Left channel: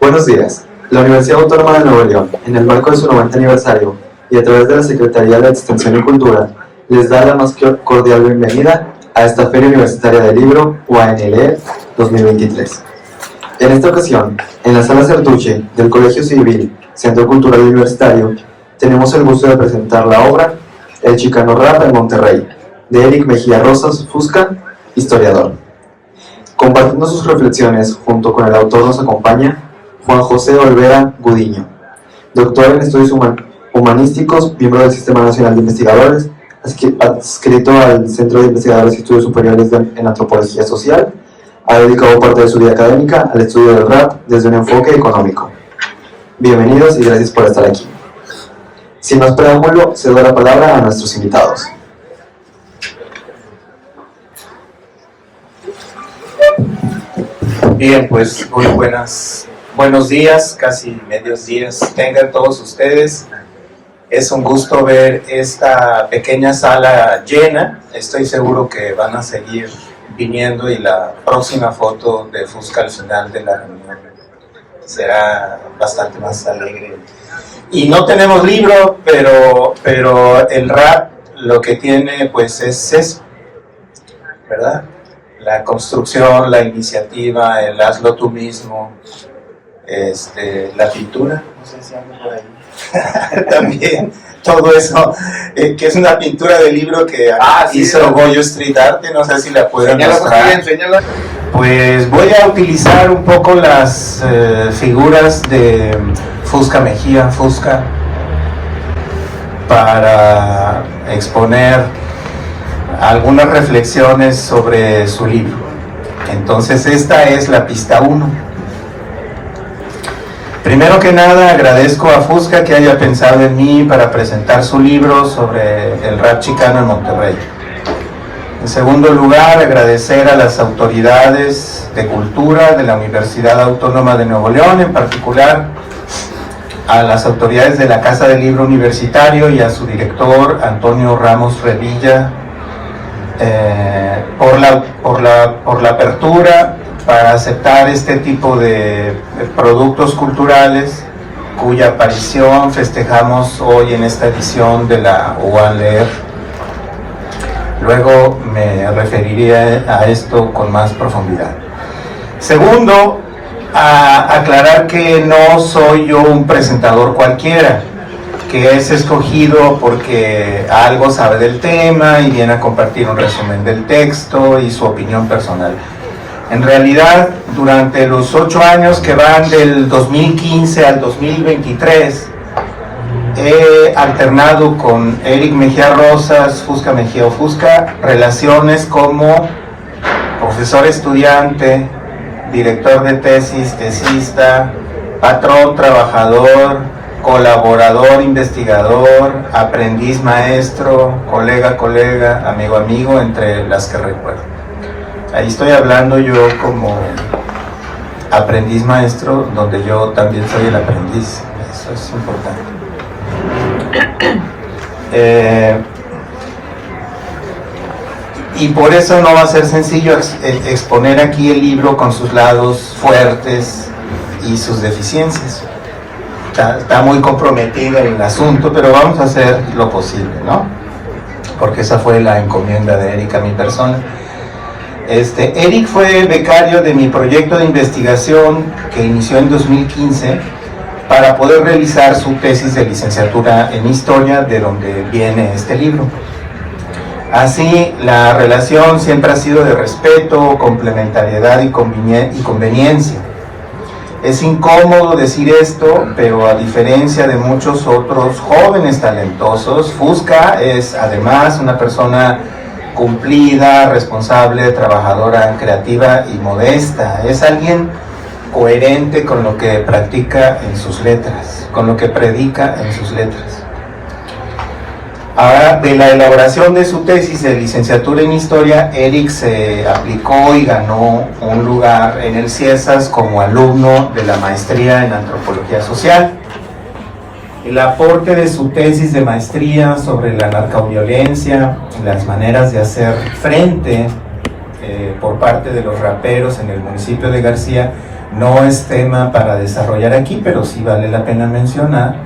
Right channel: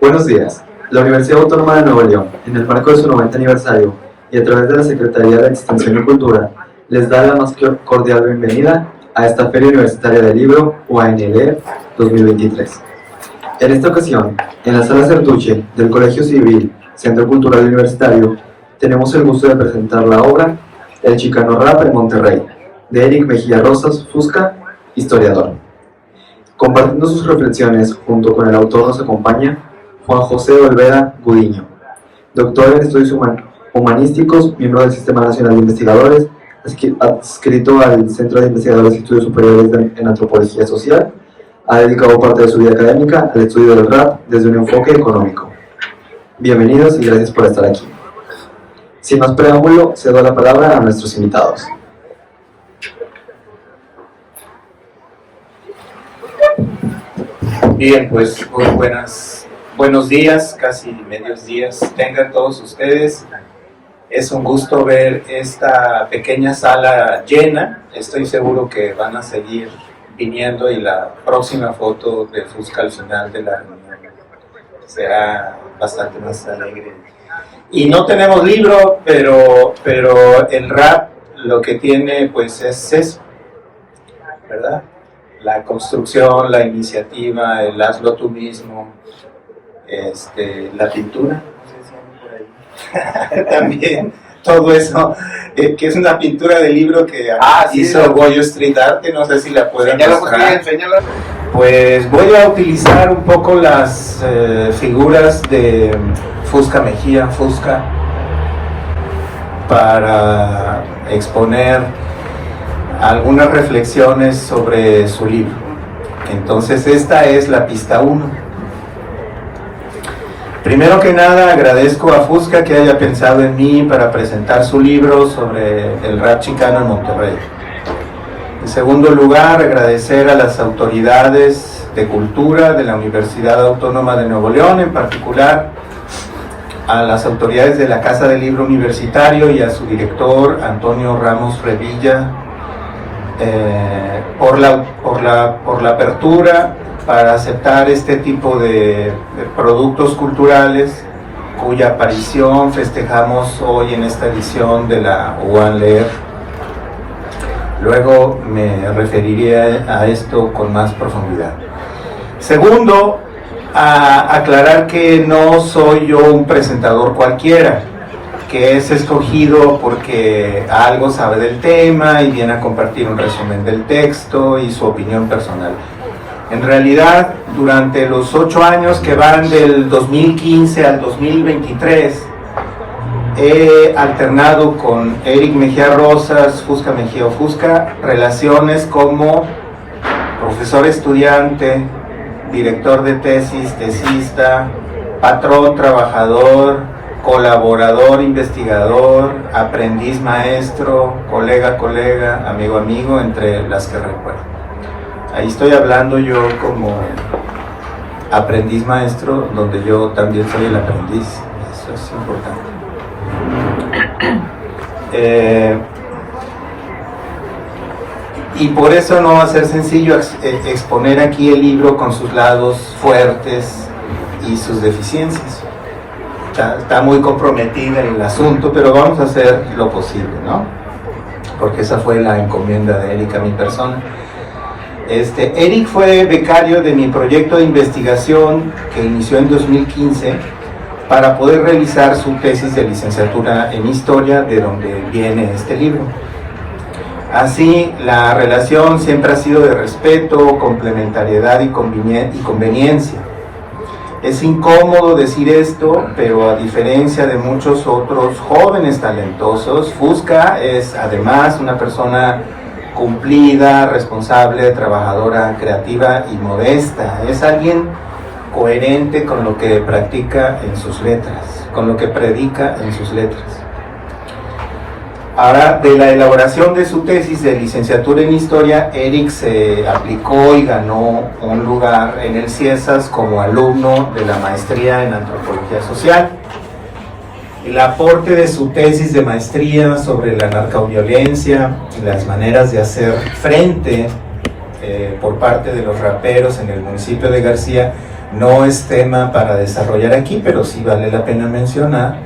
Buenos días. La Universidad Autónoma de Nuevo León, en el marco de su 90 aniversario y a través de la Secretaría de la Extensión y Cultura, les da la más cordial bienvenida a esta Feria Universitaria del Libro UANLE 2023. En esta ocasión, en la Sala Certuche del Colegio Civil Centro Cultural Universitario, tenemos el gusto de presentar la obra El Chicano Rap en Monterrey, de Eric Mejía Rosas Fusca, historiador. Compartiendo sus reflexiones junto con el autor nos acompaña Juan José Olvera Gudiño, doctor en estudios humanísticos, miembro del Sistema Nacional de Investigadores, adscrito al Centro de Investigadores y Estudios Superiores en Antropología Social. Ha dedicado parte de su vida académica al estudio del rap desde un enfoque económico. Bienvenidos y gracias por estar aquí. Sin más preámbulo, cedo la palabra a nuestros invitados. Bien, pues muy buenos días, casi medios días tengan todos ustedes. Es un gusto ver esta pequeña sala llena. Estoy seguro que van a seguir viniendo y la próxima foto de Fusca al final de la reunión será bastante más alegre. Y no tenemos libro, pero el rap lo que tiene pues es eso, ¿verdad? La construcción, la iniciativa, el hazlo tú mismo, la pintura, no sé si anda por ahí, también, todo eso, que es una pintura de libro que hizo Goyo Street Arte, no sé si la pueden mostrar. Enséñala. Pues voy a utilizar un poco las figuras de Fusca Mejía, Fusca, para exponer algunas reflexiones sobre su libro. Entonces esta es la pista 1. Primero que nada agradezco a Fusca que haya pensado en mí para presentar su libro sobre el rap chicano en Monterrey. En segundo lugar, agradecer a las autoridades de cultura de la Universidad Autónoma de Nuevo León, en particular a las autoridades de la Casa del Libro Universitario y a su director Antonio Ramos Revilla, por la apertura para aceptar este tipo de productos culturales cuya aparición festejamos hoy en esta edición de la UANLE. Luego me referiré a esto con más profundidad. Segundo, a aclarar que no soy yo un presentador cualquiera, que es escogido porque algo sabe del tema y viene a compartir un resumen del texto y su opinión personal. En realidad, durante los 8 años que van del 2015 al 2023, he alternado con Eric Mejía Rosas, Fusca Mejía o Fusca, relaciones como profesor estudiante, director de tesis, tesista, patrón trabajador, colaborador investigador, aprendiz maestro, colega, amigo, entre las que recuerdo. Ahí estoy hablando yo como aprendiz maestro, donde yo también soy el aprendiz. Eso es importante. Y por eso no va a ser sencillo exponer aquí el libro con sus lados fuertes y sus deficiencias. Está muy comprometido en el asunto, pero vamos a hacer lo posible, ¿no? Porque esa fue la encomienda de Eric a mi persona. Eric fue becario de mi proyecto de investigación que inició en 2015 para poder realizar su tesis de licenciatura en Historia, de donde viene este libro. Así, la relación siempre ha sido de respeto, complementariedad y conveniencia. Es incómodo decir esto, pero a diferencia de muchos otros jóvenes talentosos, Fusca es además una persona cumplida, responsable, trabajadora, creativa y modesta. Es alguien coherente con lo que practica en sus letras, con lo que predica en sus letras. Ahora, de la elaboración de su tesis de licenciatura en Historia, Eric se aplicó y ganó un lugar en el CIESAS como alumno de la maestría en Antropología Social. El aporte de su tesis de maestría sobre la narcoviolencia y las maneras de hacer frente por parte de los raperos en el municipio de García no es tema para desarrollar aquí, pero sí vale la pena mencionar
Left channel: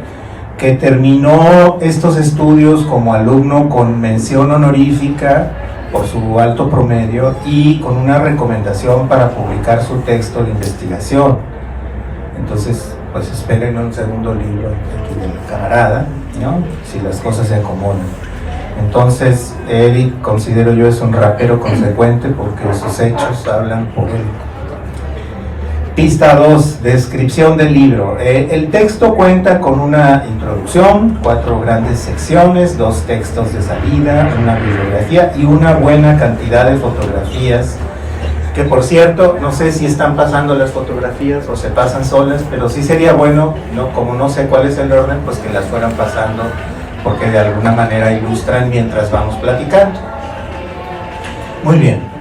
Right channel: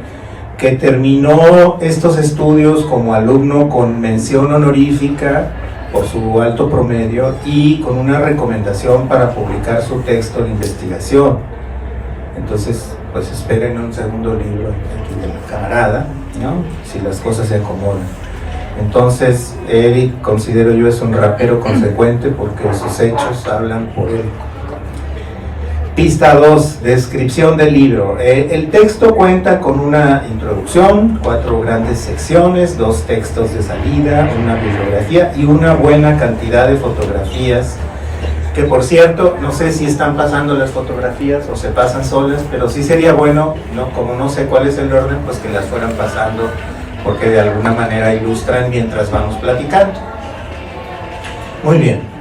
que terminó estos estudios como alumno con mención honorífica por su alto promedio y con una recomendación para publicar su texto de investigación. Entonces, pues esperen un segundo libro aquí del camarada, ¿no? Si las cosas se acomodan. Entonces, Eric, considero yo, es un rapero consecuente porque sus hechos hablan por él. Pista 2, descripción del libro. El texto cuenta con una introducción, 4 grandes secciones, 2 textos de salida, una bibliografía y una buena cantidad de fotografías, que por cierto, no sé si están pasando las fotografías o se pasan solas, pero sí sería bueno, ¿no? Como no sé cuál es el orden, pues que las fueran pasando, porque de alguna manera ilustran mientras vamos platicando. Muy bien.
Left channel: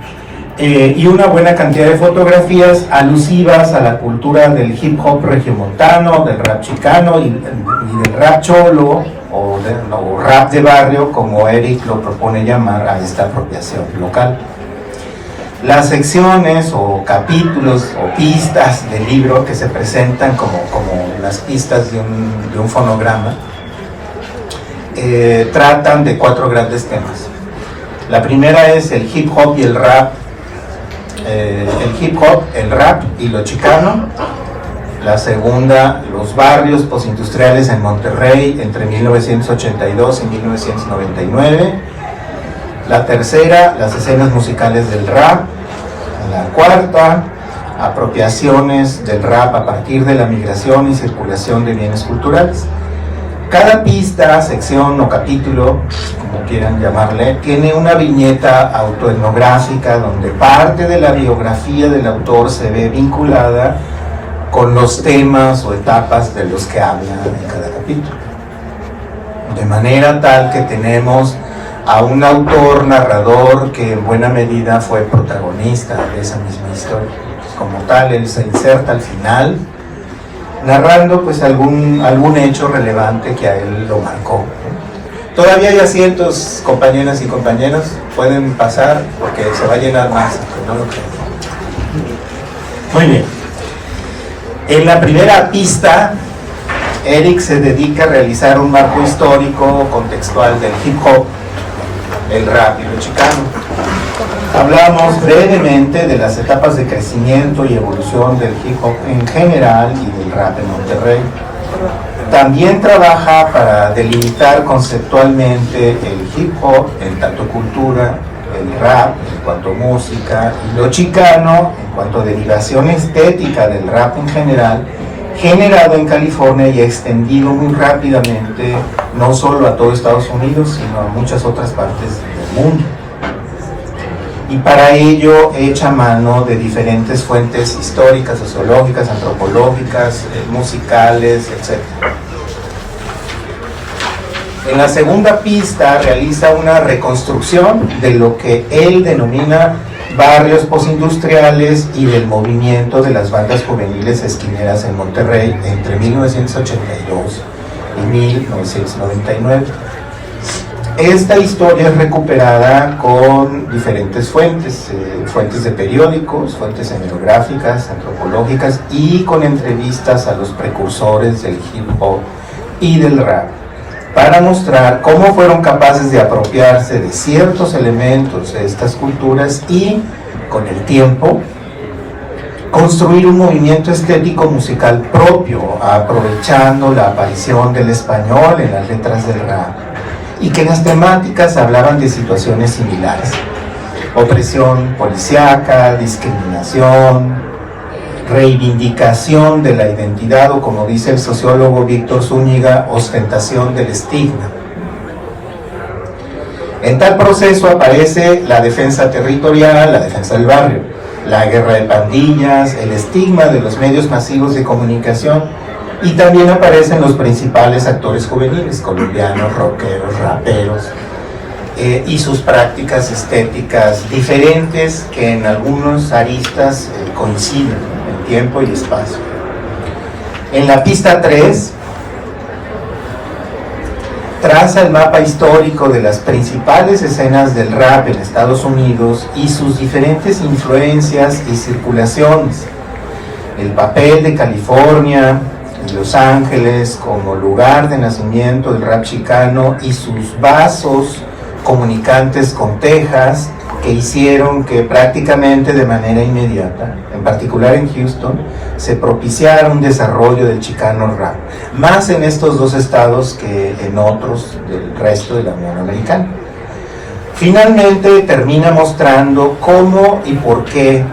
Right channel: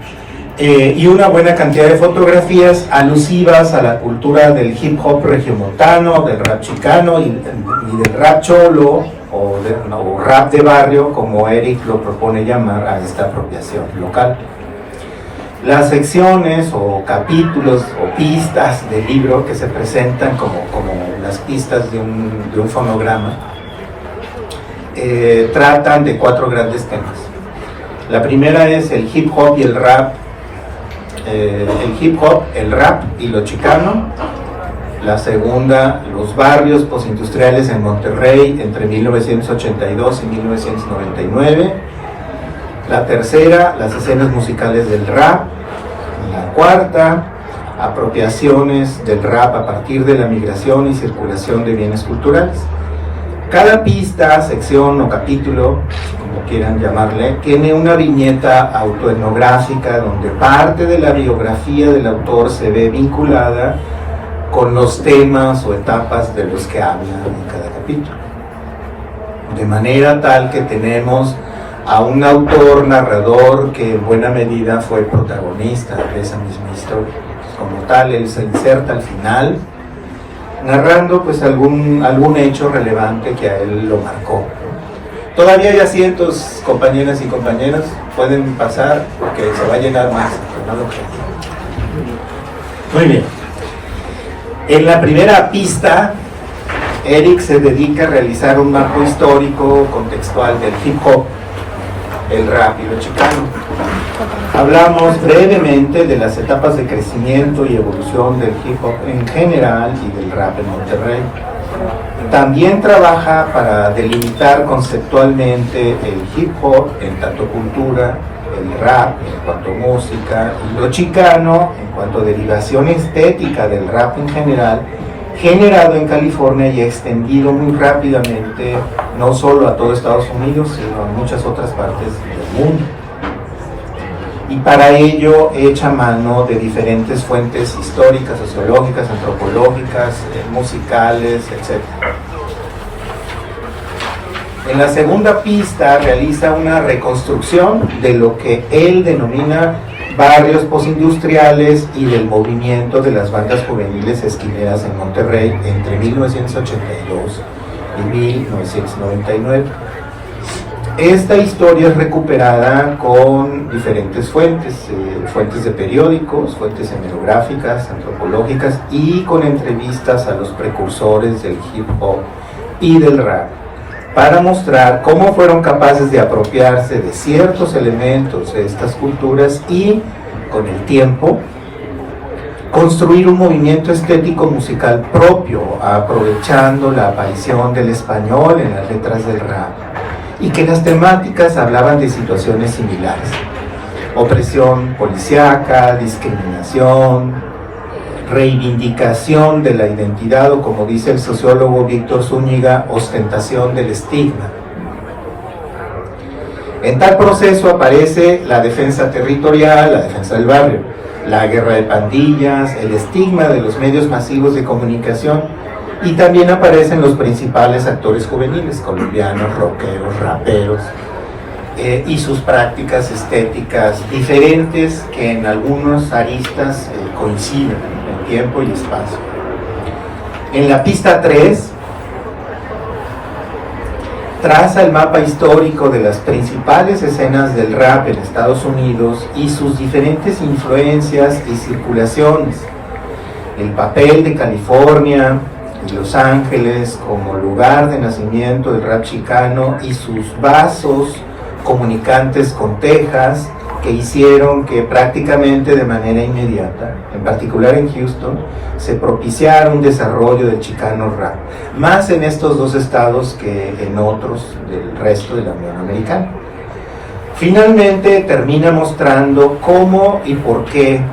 Y una buena cantidad de fotografías alusivas a la cultura del hip hop regiomontano, del rap chicano y del rap cholo o rap de barrio, como Eric lo propone llamar a esta apropiación local. Las secciones o capítulos o pistas del libro que se presentan como las pistas de un fonograma tratan de 4 grandes temas. La primera es el hip hop y el rap. El hip hop, el rap y lo chicano. La segunda, los barrios postindustriales en Monterrey entre 1982 y 1999. La tercera, las escenas musicales del rap. La cuarta, apropiaciones del rap a partir de la migración y circulación de bienes culturales. Cada pista, sección o capítulo, como quieran llamarle, tiene una viñeta autoetnográfica donde parte de la biografía del autor se ve vinculada con los temas o etapas de los que habla en cada capítulo. De manera tal que tenemos a un autor narrador que en buena medida fue protagonista de esa misma historia. Como tal, él se inserta al final, narrando pues algún hecho relevante que a él lo marcó. Todavía hay asientos, compañeras y compañeros, pueden pasar porque se va a llenar más, pero no lo creo. Muy bien. En la primera pista, Eric se dedica a realizar un marco histórico contextual del hip hop, el rap y lo chicano. Hablamos brevemente de las etapas de crecimiento y evolución del hip hop en general y del rap en Monterrey. También trabaja para delimitar conceptualmente el hip hop en tanto cultura, el rap en cuanto a música y lo chicano en cuanto a derivación estética del rap en general, generado en California y extendido muy rápidamente no solo a todo Estados Unidos, sino a muchas otras partes del mundo. Y para ello echa mano de diferentes fuentes históricas, sociológicas, antropológicas, musicales, etc. En la segunda pista realiza una reconstrucción de lo que él denomina barrios postindustriales y del movimiento de las bandas juveniles esquineras en Monterrey entre 1982 y 1999. Esta historia es recuperada con diferentes fuentes, fuentes de periódicos, fuentes etnográficas, antropológicas y con entrevistas a los precursores del hip hop y del rap, para mostrar cómo fueron capaces de apropiarse de ciertos elementos de estas culturas y, con el tiempo, construir un movimiento estético musical propio, aprovechando la aparición del español en las letras del rap, y que las temáticas hablaban de situaciones similares: opresión policíaca, discriminación, reivindicación de la identidad o, como dice el sociólogo Víctor Zúñiga, ostentación del estigma. En tal proceso aparece la defensa territorial, la defensa del barrio, la guerra de pandillas, el estigma de los medios masivos de comunicación, y también aparecen los principales actores juveniles, colombianos, rockeros, raperos, y sus prácticas estéticas diferentes que en algunas aristas coinciden en tiempo y espacio. En la pista 3 traza el mapa histórico de las principales escenas del rap en Estados Unidos y sus diferentes influencias y circulaciones, el papel de California y Los Ángeles como lugar de nacimiento del rap chicano y sus vasos comunicantes con Texas, que hicieron que prácticamente de manera inmediata, en particular en Houston, se propiciara un desarrollo del chicano rap, más en estos dos estados que en otros del resto de la Unión Americana. Finalmente termina mostrando cómo y por qué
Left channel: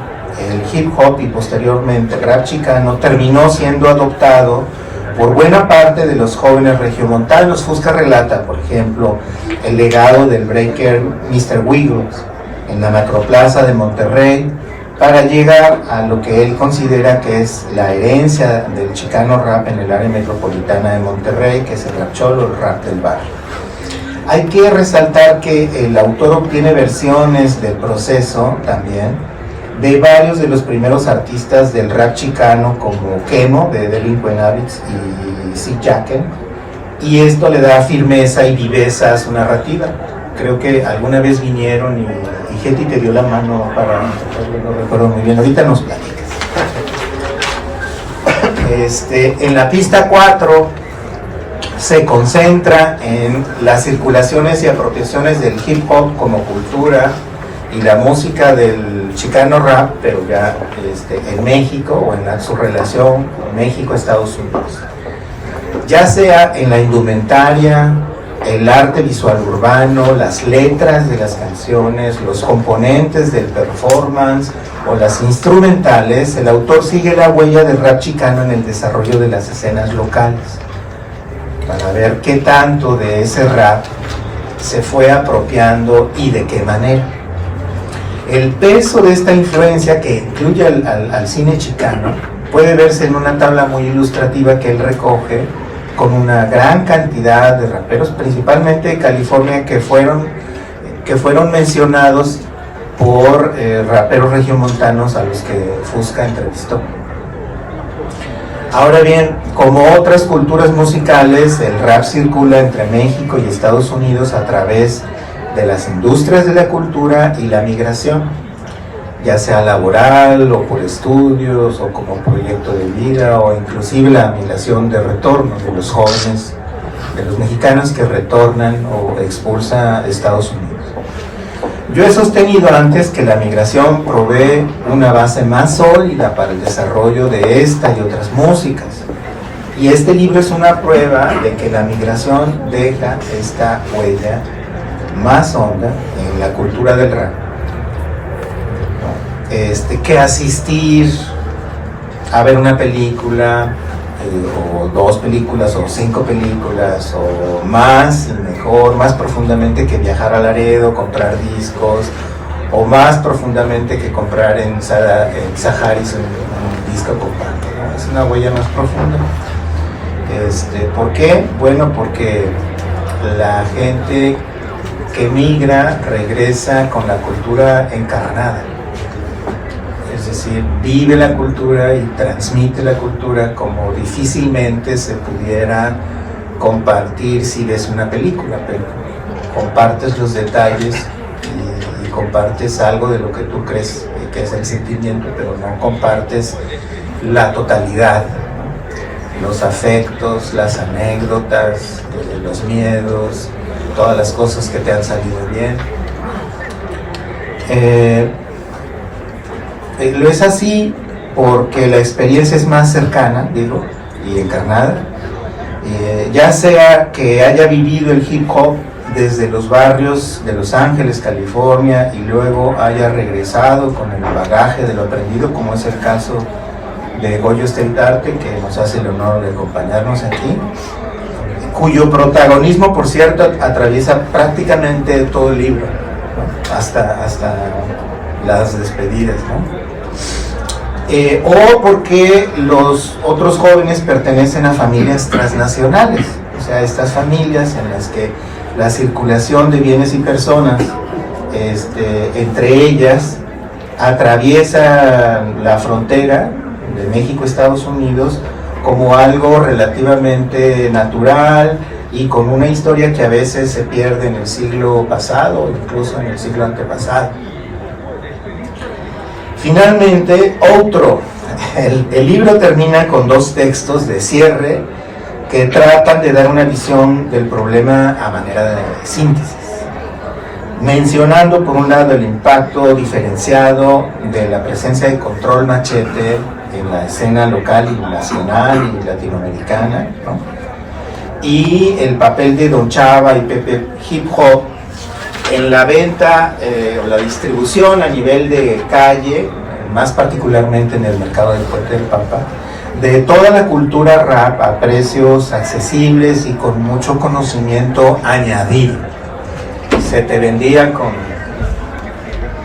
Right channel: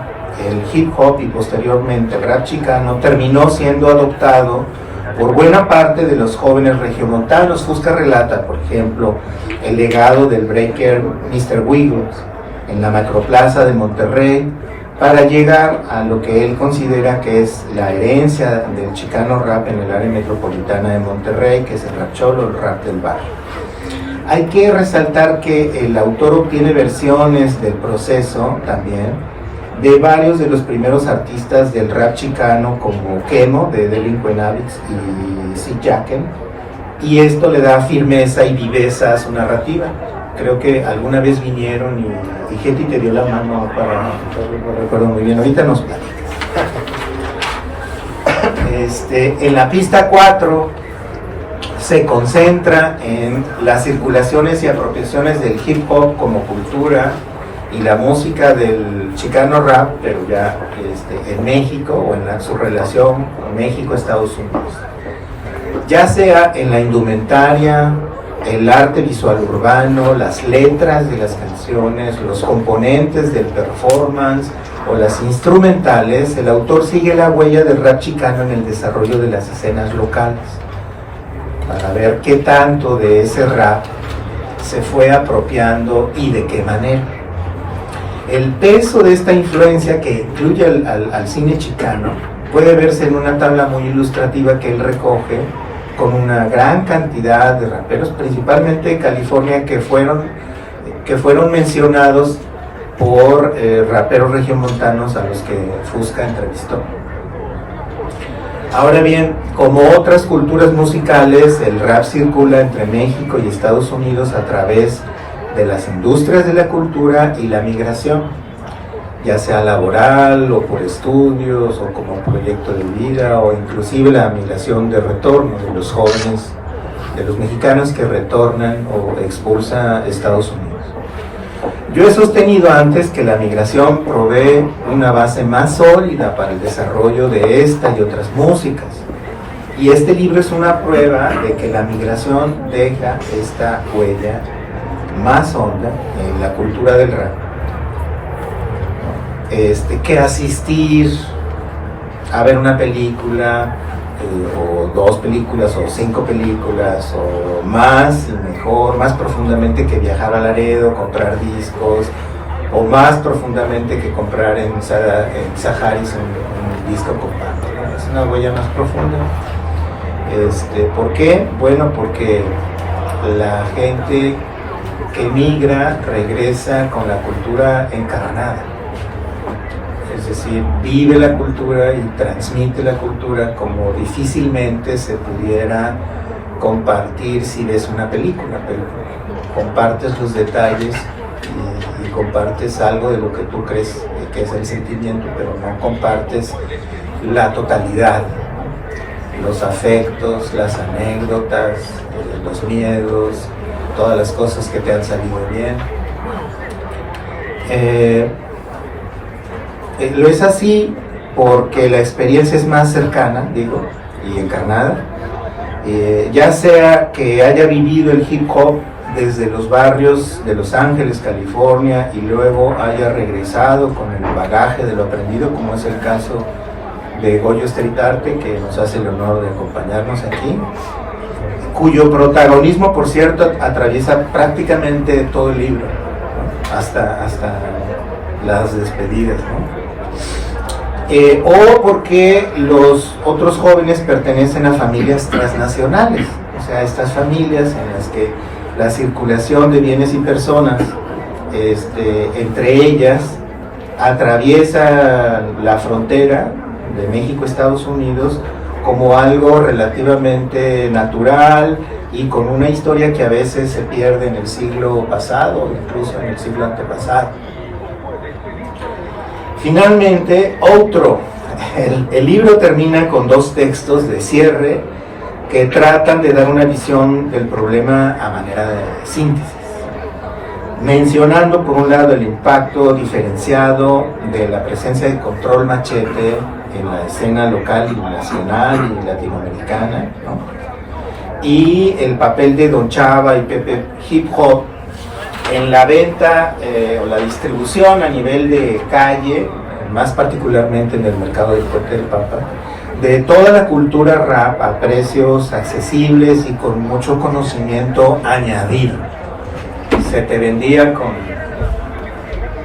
el hip hop y posteriormente el rap chicano terminó siendo adoptado por buena parte de los jóvenes regiomontanos. Fusca relata, por ejemplo, el legado del breaker Mr. Wiggles en la macroplaza de Monterrey para llegar a lo que él considera que es la herencia del chicano rap en el área metropolitana de Monterrey, que es el rap cholo, el rap del barrio. Hay que resaltar que el autor obtiene versiones del proceso también de varios de los primeros artistas del rap chicano, como Kemo de Delinquent Habits y Sid Jacken, y esto le da firmeza y viveza a su narrativa. Creo que alguna vez vinieron y Getty te dio la mano para, no recuerdo muy bien, ahorita nos platicas. En la pista 4 se concentra en las circulaciones y apropiaciones del hip hop como cultura y la música del chicano rap, pero ya en México o en su relación con México-Estados Unidos. Ya sea en la indumentaria, el arte visual urbano, las letras de las canciones, los componentes del performance o las instrumentales, el autor sigue la huella del rap chicano en el desarrollo de las escenas locales, para ver qué tanto de ese rap se fue apropiando y de qué manera. El peso de esta influencia que incluye al cine chicano puede verse en una tabla muy ilustrativa que él recoge con una gran cantidad de raperos, principalmente de California, que fueron mencionados por raperos regiomontanos a los que Fusca entrevistó. Ahora bien, como otras culturas musicales, el rap circula entre México y Estados Unidos a través de las industrias de la cultura y la migración, ya sea laboral o por estudios o como proyecto de vida, o inclusive la migración de retorno de los jóvenes, de los mexicanos que retornan o expulsan a Estados Unidos. Yo he sostenido antes que la migración provee una base más sólida para el desarrollo de esta y otras músicas, y este libro es una prueba de que la migración deja esta huella más honda en la cultura del rap, que asistir a ver una película, o dos películas, o 5 películas, o más y mejor, más profundamente que viajar a Laredo, comprar discos, o más profundamente que comprar en Saharis un disco compacto, ¿no? Es una huella más profunda. ¿Por qué? Bueno, porque la gente que migra regresa con la cultura encarnada, es decir, vive la cultura y transmite la cultura como difícilmente se pudiera compartir si ves una película, pero compartes los detalles y compartes algo de lo que tú crees que es el sentimiento, pero no compartes la totalidad, los afectos, las anécdotas, los miedos, todas las cosas que te han salido bien. Lo es así porque la experiencia es más cercana, digo, y encarnada, ya sea que haya vivido el hip hop desde los barrios de Los Ángeles, California, y luego haya regresado con el bagaje de lo aprendido, como es el caso de Goyo Street Arte, que nos hace el honor de acompañarnos aquí, cuyo protagonismo, por cierto, atraviesa prácticamente todo el libro, ¿no? hasta las despedidas, ¿no? O porque los otros jóvenes pertenecen a familias transnacionales, o sea, estas familias en las que la circulación de bienes y personas, entre ellas, atraviesa la frontera de México a Estados Unidos como algo relativamente natural y con una historia que a veces se pierde en el siglo pasado, incluso en el siglo antepasado. Finalmente, el libro termina con 2 textos de cierre que tratan de dar una visión del problema a manera de síntesis, mencionando por un lado el impacto diferenciado de la presencia de Control Machete en la escena local y nacional y latinoamericana, ¿no? Y el papel de Don Chava y Pepe Hip Hop en la venta o la distribución a nivel de calle, más particularmente en el mercado del Puente del Pampa, de toda la cultura rap a precios accesibles y con mucho conocimiento añadido. Se te vendía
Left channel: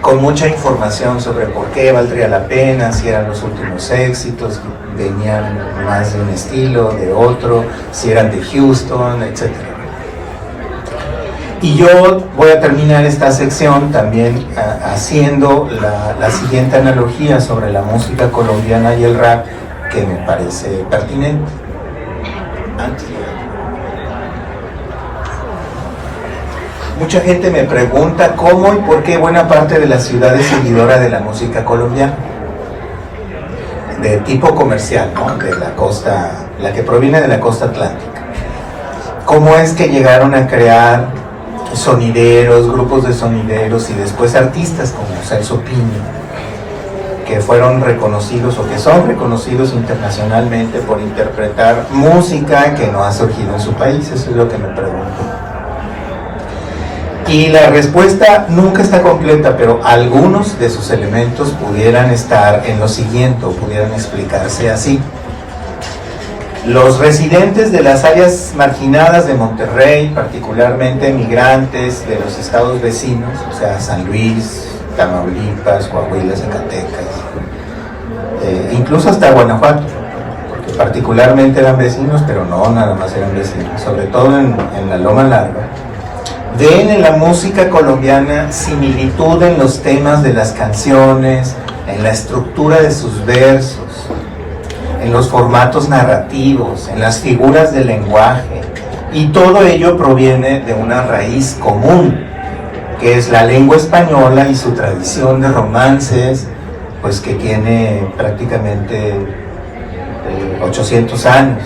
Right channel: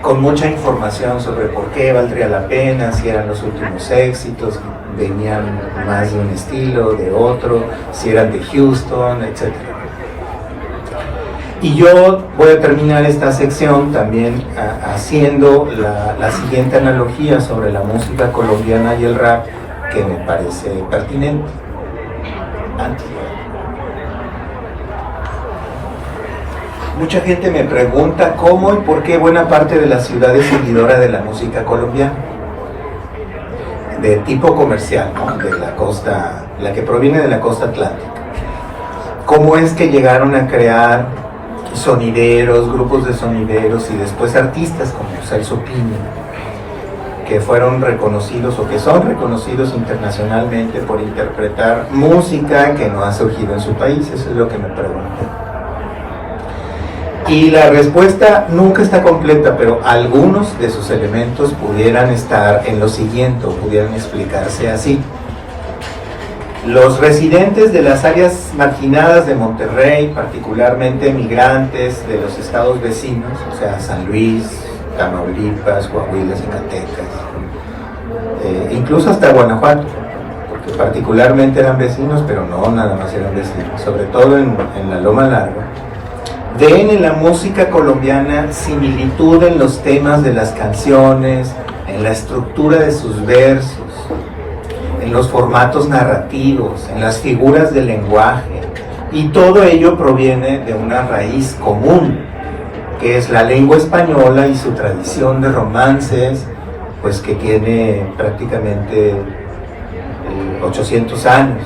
con mucha información sobre por qué valdría la pena, si eran los últimos éxitos, venían más de un estilo, de otro, si eran de Houston, etc. Y yo voy a terminar esta sección también haciendo la siguiente analogía sobre la música colombiana y el rap, que me parece pertinente. Mucha gente me pregunta cómo y por qué buena parte de la ciudad es seguidora de la música colombiana, de tipo comercial, ¿no? De la costa, la que proviene de la costa atlántica. ¿Cómo es que llegaron a crear sonideros, grupos de sonideros y después artistas como Celso Piña, que fueron reconocidos o que son reconocidos internacionalmente por interpretar música que no ha surgido en su país? Eso es lo que me pregunto. Y la respuesta nunca está completa, pero algunos de sus elementos pudieran estar en lo siguiente, o pudieran explicarse así. Los residentes de las áreas marginadas de Monterrey, particularmente migrantes de los estados vecinos, o sea, San Luis, Tamaulipas, Coahuila, Zacatecas, incluso hasta Guanajuato, porque particularmente eran vecinos, pero no nada más eran vecinos, sobre todo en la Loma Larga, ven en la música colombiana similitud en los temas de las canciones, en la estructura de sus versos, en los formatos narrativos, en las figuras del lenguaje, y todo ello proviene de una raíz común, que es la lengua española y su tradición de romances, pues que tiene prácticamente 800 años,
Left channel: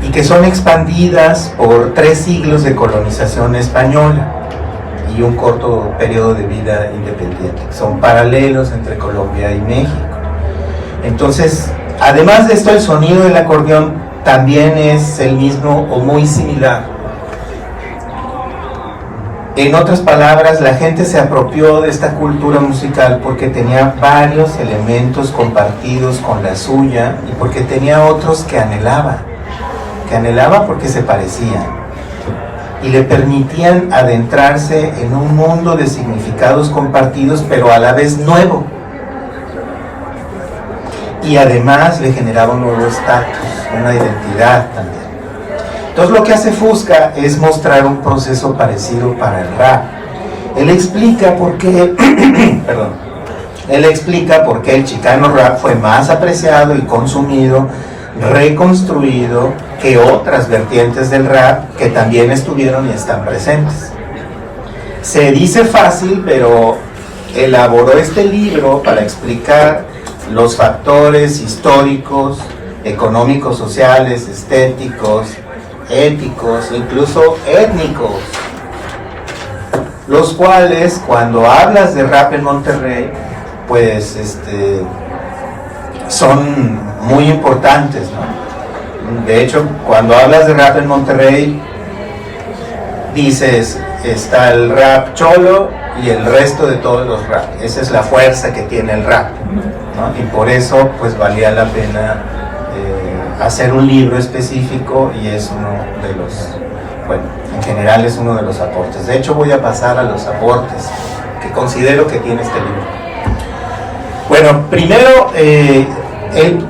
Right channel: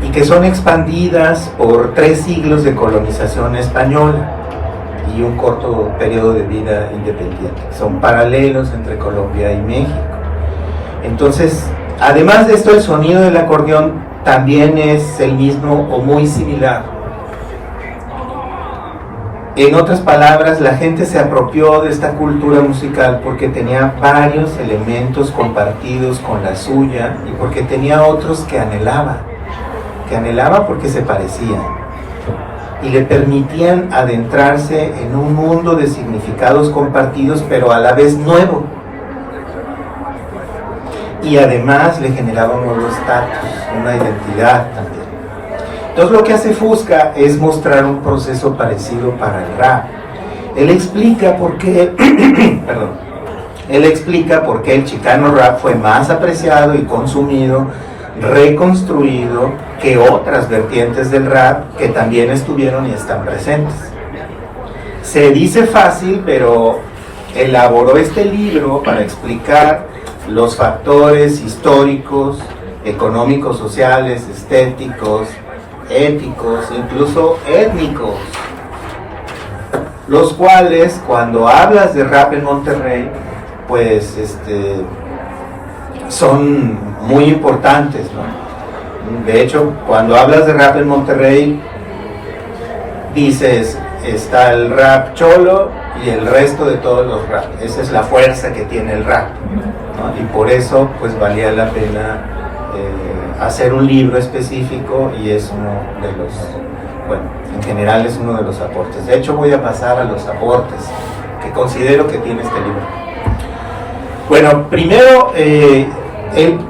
y que son expandidas por 3 siglos de colonización española y un corto periodo de vida independiente. Son paralelos entre Colombia y México. Entonces, además de esto, el sonido del acordeón también es el mismo o muy similar. En otras palabras, la gente se apropió de esta cultura musical porque tenía varios elementos compartidos con la suya y porque tenía otros que anhelaba porque se parecían y le permitían adentrarse en un mundo de significados compartidos, pero a la vez nuevo. Y además le generaba un nuevo estatus, una identidad también. Entonces lo que hace Fusca es mostrar un proceso parecido para el rap. Él explica por qué, él explica por qué el chicano rap fue más apreciado y consumido, reconstruido, que otras vertientes del rap que también estuvieron y están presentes. Se dice fácil, pero elaboró este libro para explicar los factores históricos, económicos, sociales, estéticos, éticos, incluso étnicos, los cuales, cuando hablas de rap en Monterrey, pues son muy importantes, ¿no? De hecho, cuando hablas de rap en Monterrey, dices, está el rap cholo y el resto de todos los rap. Esa es la fuerza que tiene el rap, ¿no? Y por eso, pues valía la pena hacer un libro específico, y es uno de los, bueno, en general es uno de los aportes. De hecho, voy a pasar a los aportes que considero que tiene este libro. Bueno, primero, él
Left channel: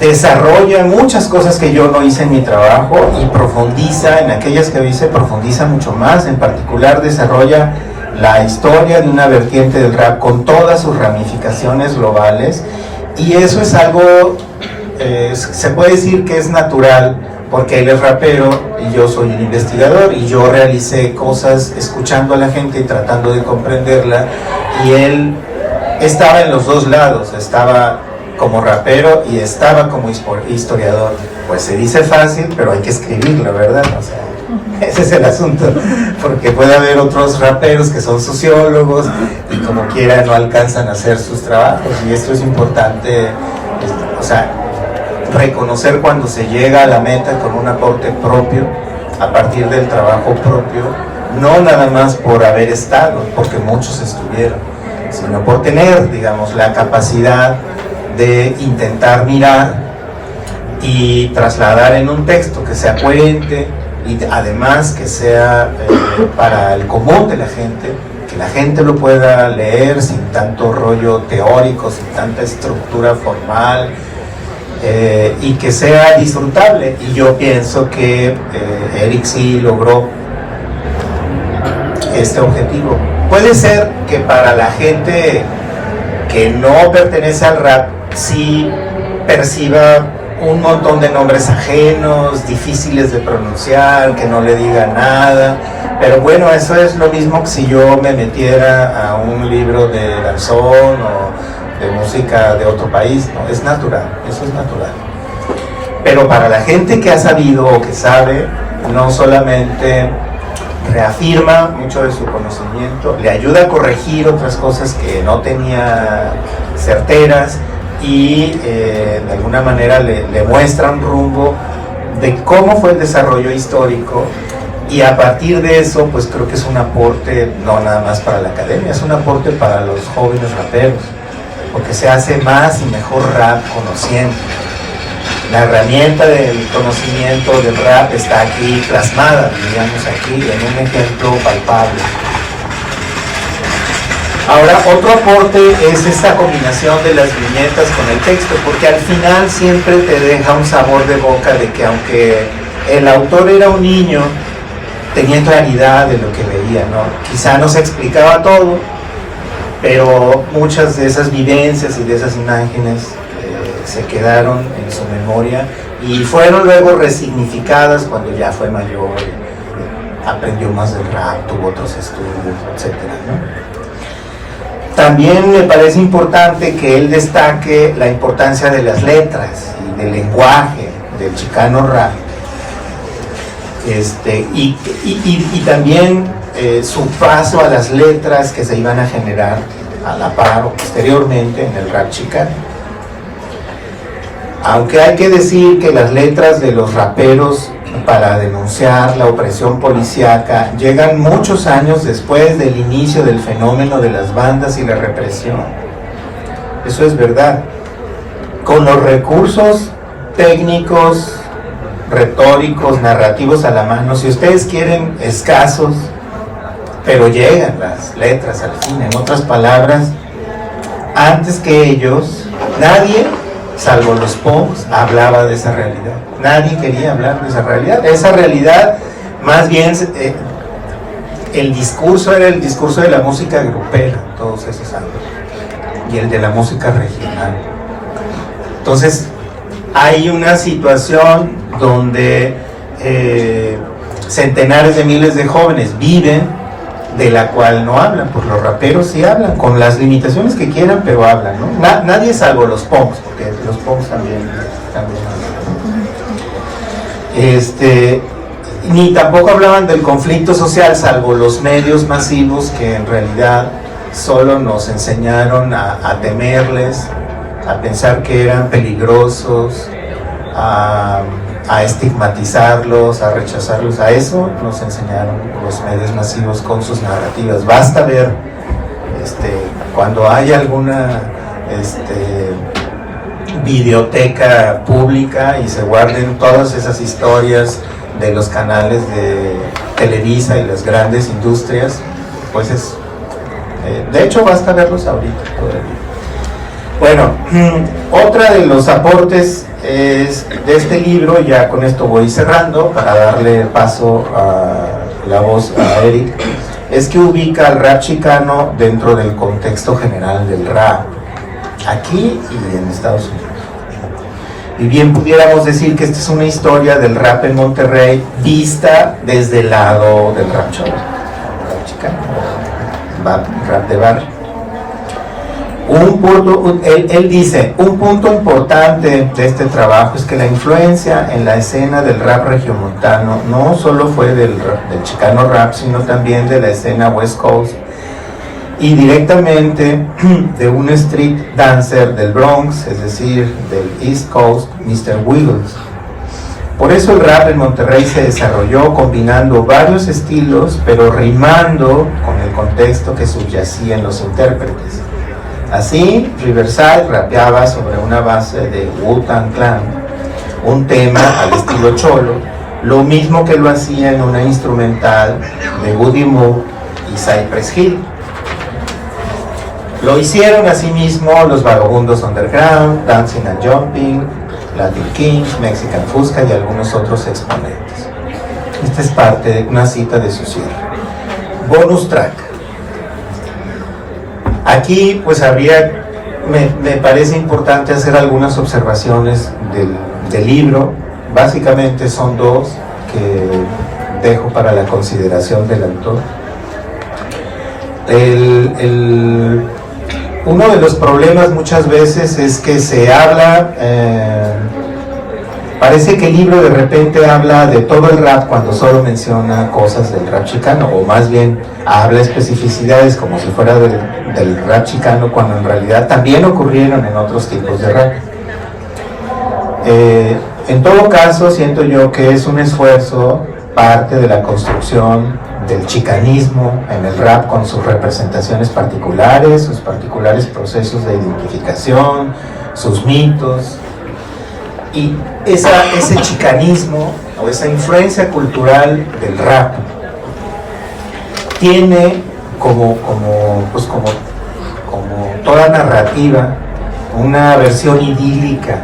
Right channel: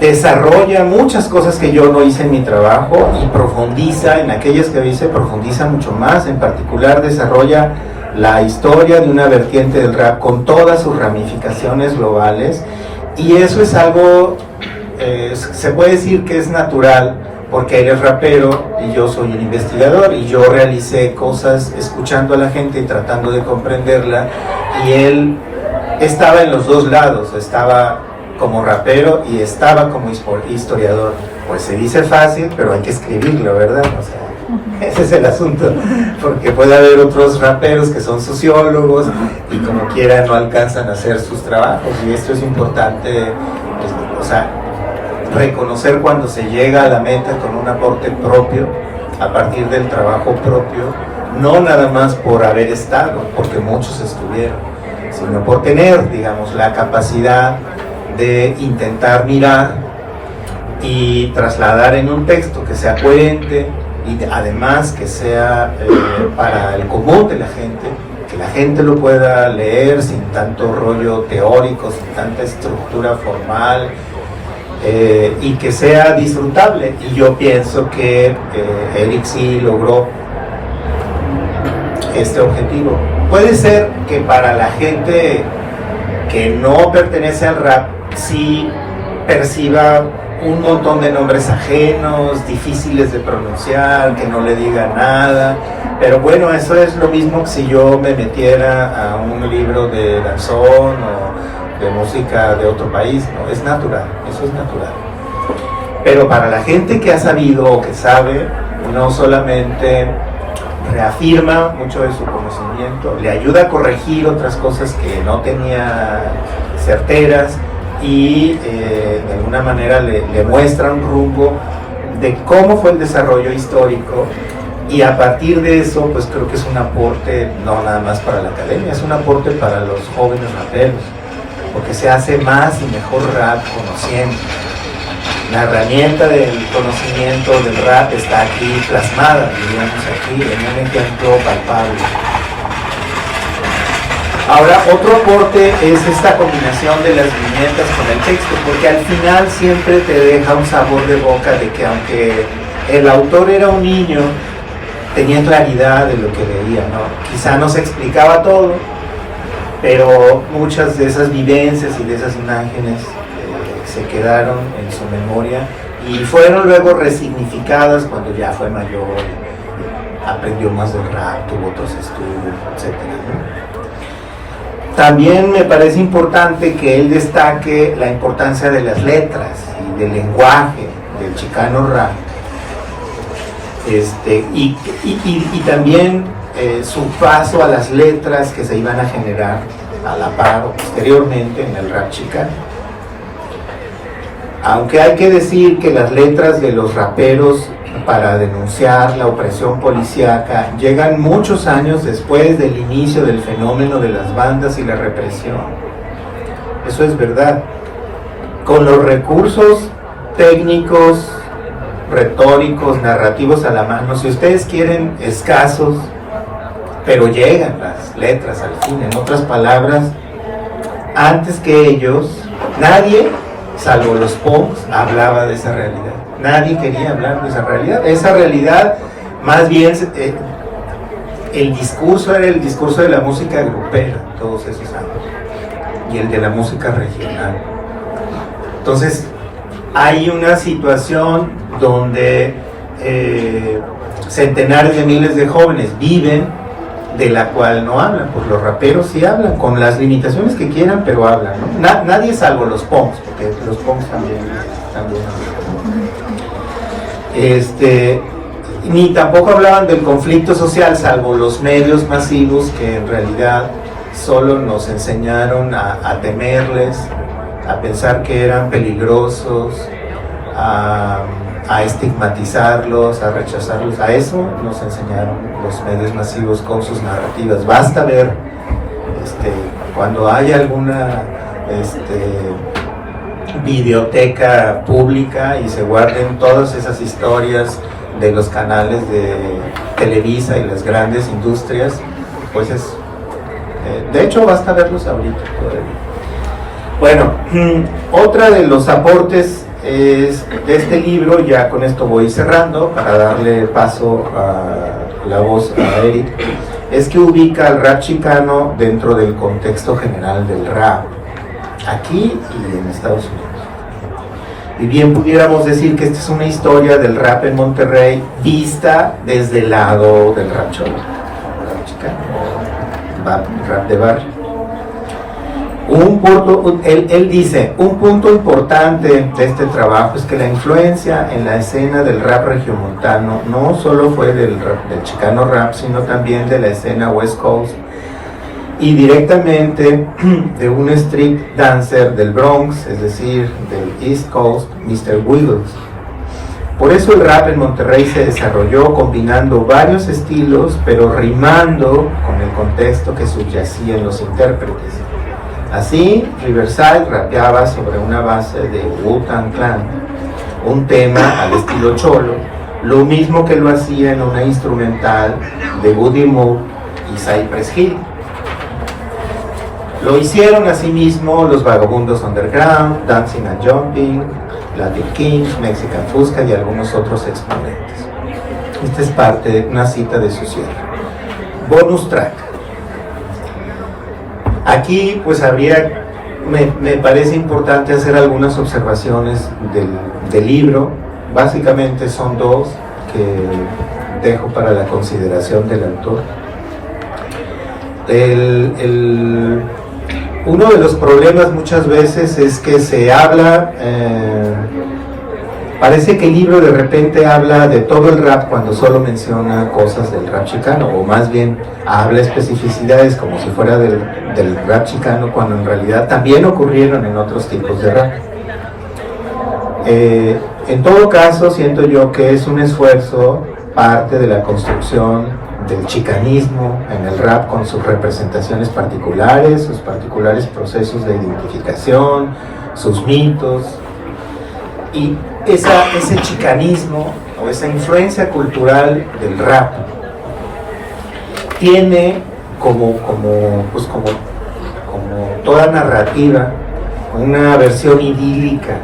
desarrolla muchas cosas que yo no hice en mi trabajo y profundiza en aquellas que hice, profundiza mucho más. En particular, desarrolla la historia de una vertiente del rap con todas sus ramificaciones globales, y eso es algo, se puede decir que es natural porque él es rapero y yo soy un investigador, y yo realicé cosas escuchando a la gente y tratando de comprenderla, y él estaba en los dos lados, estaba como rapero y estaba como historiador. Pues se dice fácil, pero hay que escribirlo, ¿verdad? O sea, ese es el asunto, porque puede haber otros raperos que son sociólogos y como quiera no alcanzan a hacer sus trabajos, y esto es importante, o sea, reconocer cuando se llega a la meta con un aporte propio, a partir del trabajo propio, no nada más por haber estado, porque muchos estuvieron, sino por tener, digamos, la capacidad de intentar mirar y trasladar en un texto que sea coherente y además que sea para el común de la gente, que la gente lo pueda leer sin tanto rollo teórico, sin tanta estructura formal, y que sea disfrutable. Y yo pienso que Eric sí logró este objetivo. Puede ser que para la gente que no pertenece al rap sí perciba un montón de nombres ajenos, difíciles de pronunciar, que no le digan nada, pero bueno, eso es lo mismo que si yo me metiera a un libro de danzón o de música de otro país, ¿no? Es natural, eso es natural. Pero para la gente que ha sabido o que sabe, no solamente reafirma mucho de su conocimiento, le ayuda a corregir otras cosas que no tenía certeras, y de alguna manera le muestra un rumbo de cómo fue el desarrollo histórico, y a partir de eso pues creo que es un aporte no nada más para la academia, es un aporte para los jóvenes raperos, porque se hace más y mejor rap conociendo. La herramienta del conocimiento del rap está aquí plasmada, digamos aquí, en un ejemplo palpable. Ahora, otro aporte es esta combinación de las viñetas con el texto, porque al final siempre te deja un sabor de boca de que aunque el autor era un niño, tenía claridad de lo que leía, ¿no? Quizá no se explicaba todo, pero muchas de esas vivencias y de esas imágenes se quedaron en su memoria y fueron luego resignificadas cuando ya fue mayor, aprendió más del rap, tuvo otros estudios, etc., ¿no? También me parece importante que él destaque la importancia de las letras y del lenguaje del chicano rap, y también su paso a las letras que se iban a generar a la par o posteriormente en el rap chicano. Aunque hay que decir que las letras de los raperos para denunciar la opresión policíaca llegan muchos años después del inicio del fenómeno de las bandas y la represión. Eso es verdad. Con los recursos técnicos, retóricos, narrativos a la mano, si ustedes quieren, escasos, pero llegan las letras al fin. En otras palabras, antes que ellos, nadie, salvo los punks, hablaba de esa realidad. Nadie quería hablar de esa realidad. Esa realidad, más bien, el discurso era el discurso de la música grupera, todos esos años, y el de la música regional. Entonces, hay una situación donde centenares de miles de jóvenes viven, de la cual no hablan, pues los raperos sí hablan, con las limitaciones que quieran, pero hablan, ¿no? Nadie salvo los punks, porque los punks también hablan. Ni tampoco hablaban del conflicto social, salvo los medios masivos que en realidad solo nos enseñaron a temerles, a pensar que eran peligrosos, a estigmatizarlos, a rechazarlos. A eso nos enseñaron los medios masivos con sus narrativas. Basta ver cuando hay alguna videoteca pública y se guarden todas esas historias de los canales de Televisa y las grandes industrias, pues de hecho basta verlos ahorita todavía. Bueno, otra de los aportes de este libro, ya con esto voy cerrando para darle paso a la voz a Eric, es que ubica al rap chicano dentro del contexto general del rap aquí y en Estados Unidos. Y bien pudiéramos decir que esta es una historia del rap en Monterrey vista desde el lado del rap cholo, rap chicano, rap de barrio. Él dice, un punto importante de este trabajo es que la influencia en la escena del rap regiomontano no solo fue del chicano rap, sino también de la escena West Coast y directamente de un street dancer del Bronx, es decir, del East Coast, Mr. Wiggles. Por eso el rap en Monterrey se desarrolló combinando varios estilos, pero rimando con el contexto que subyacía en los intérpretes. Así, Riverside rapeaba sobre una base de Wu-Tang Clan, un tema al estilo cholo, lo mismo que lo hacía en una instrumental de Woody Moo y Cypress Hill. Lo hicieron asimismo los Vagabundos Underground, Dancing and Jumping, Latin Kings, Mexican Fusca y algunos otros exponentes. Esta es parte de una cita de su cierre. Bonus track. Aquí pues me parece importante hacer algunas observaciones del libro. Básicamente son dos que dejo para la consideración del autor. Uno de los problemas muchas veces es que se habla, parece que el libro de repente habla de todo el rap cuando solo menciona cosas del rap chicano, o más bien habla especificidades como si fuera del rap chicano, cuando en realidad también ocurrieron en otros tipos de rap. En todo caso, siento yo que es un esfuerzo, parte de la construcción del chicanismo en el rap, con sus representaciones particulares, sus particulares procesos de identificación, sus mitos. Y ese chicanismo o esa influencia cultural del rap tiene como toda narrativa una versión idílica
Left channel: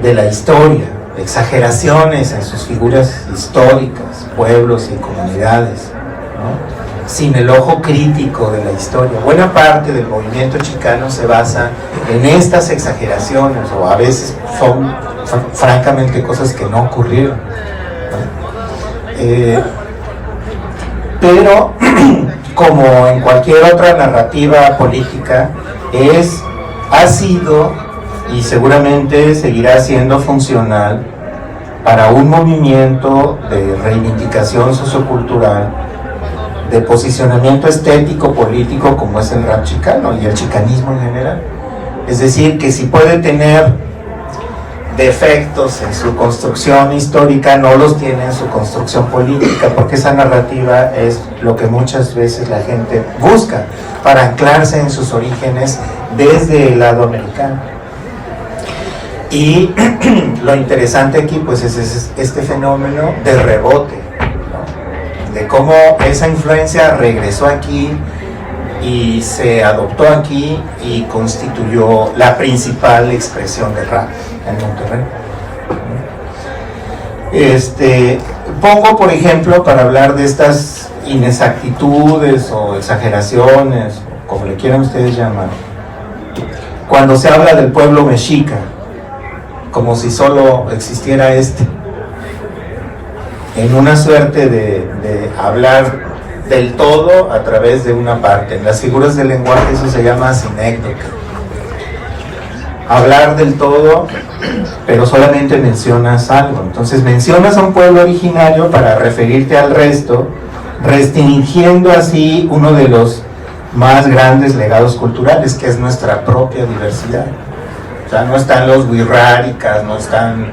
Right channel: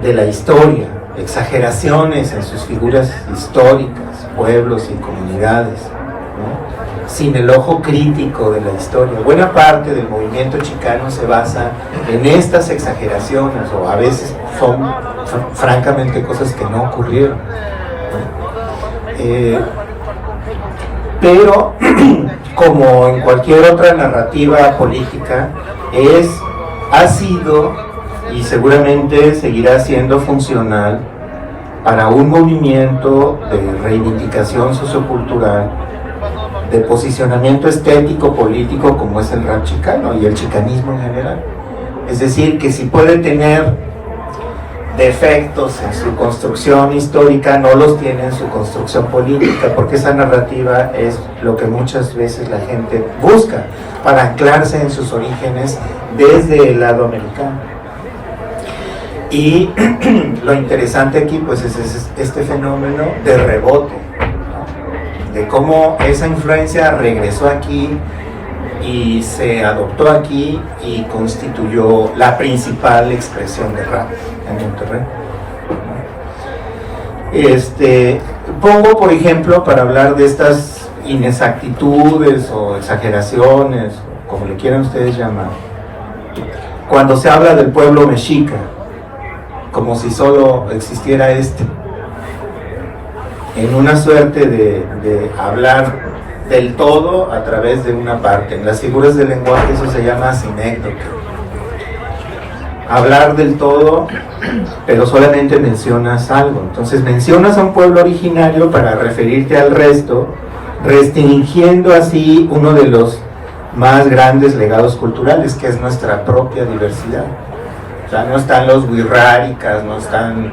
de la historia, exageraciones en sus figuras históricas, pueblos y comunidades, ¿no? Sin el ojo crítico de la historia. Buena parte del movimiento chicano se basa en estas exageraciones, o a veces son francamente cosas que no ocurrieron, ¿no? Pero como en cualquier otra narrativa política, ha sido y seguramente seguirá siendo funcional para un movimiento de reivindicación sociocultural, de posicionamiento estético, político, como es el rap chicano y el chicanismo en general. Es decir, que si puede tener defectos en su construcción histórica, no los tiene en su construcción política, porque esa narrativa es lo que muchas veces la gente busca para anclarse en sus orígenes desde el lado americano. Y lo interesante aquí pues es este fenómeno de rebote, ¿no? De cómo esa influencia regresó aquí y se adoptó aquí y constituyó la principal expresión de rap en Monterrey. Pongo por ejemplo, para hablar de estas inexactitudes o exageraciones, como le quieran ustedes llamar, cuando se habla del pueblo mexica, como si solo existiera en una suerte de hablar del todo a través de una parte. En las figuras del lenguaje eso se llama sinécdoque. Hablar del todo, pero solamente mencionas algo. Entonces mencionas a un pueblo originario para referirte al resto, restringiendo así uno de los más grandes legados culturales, que es nuestra propia diversidad. O sea, no están los wixárikas, no están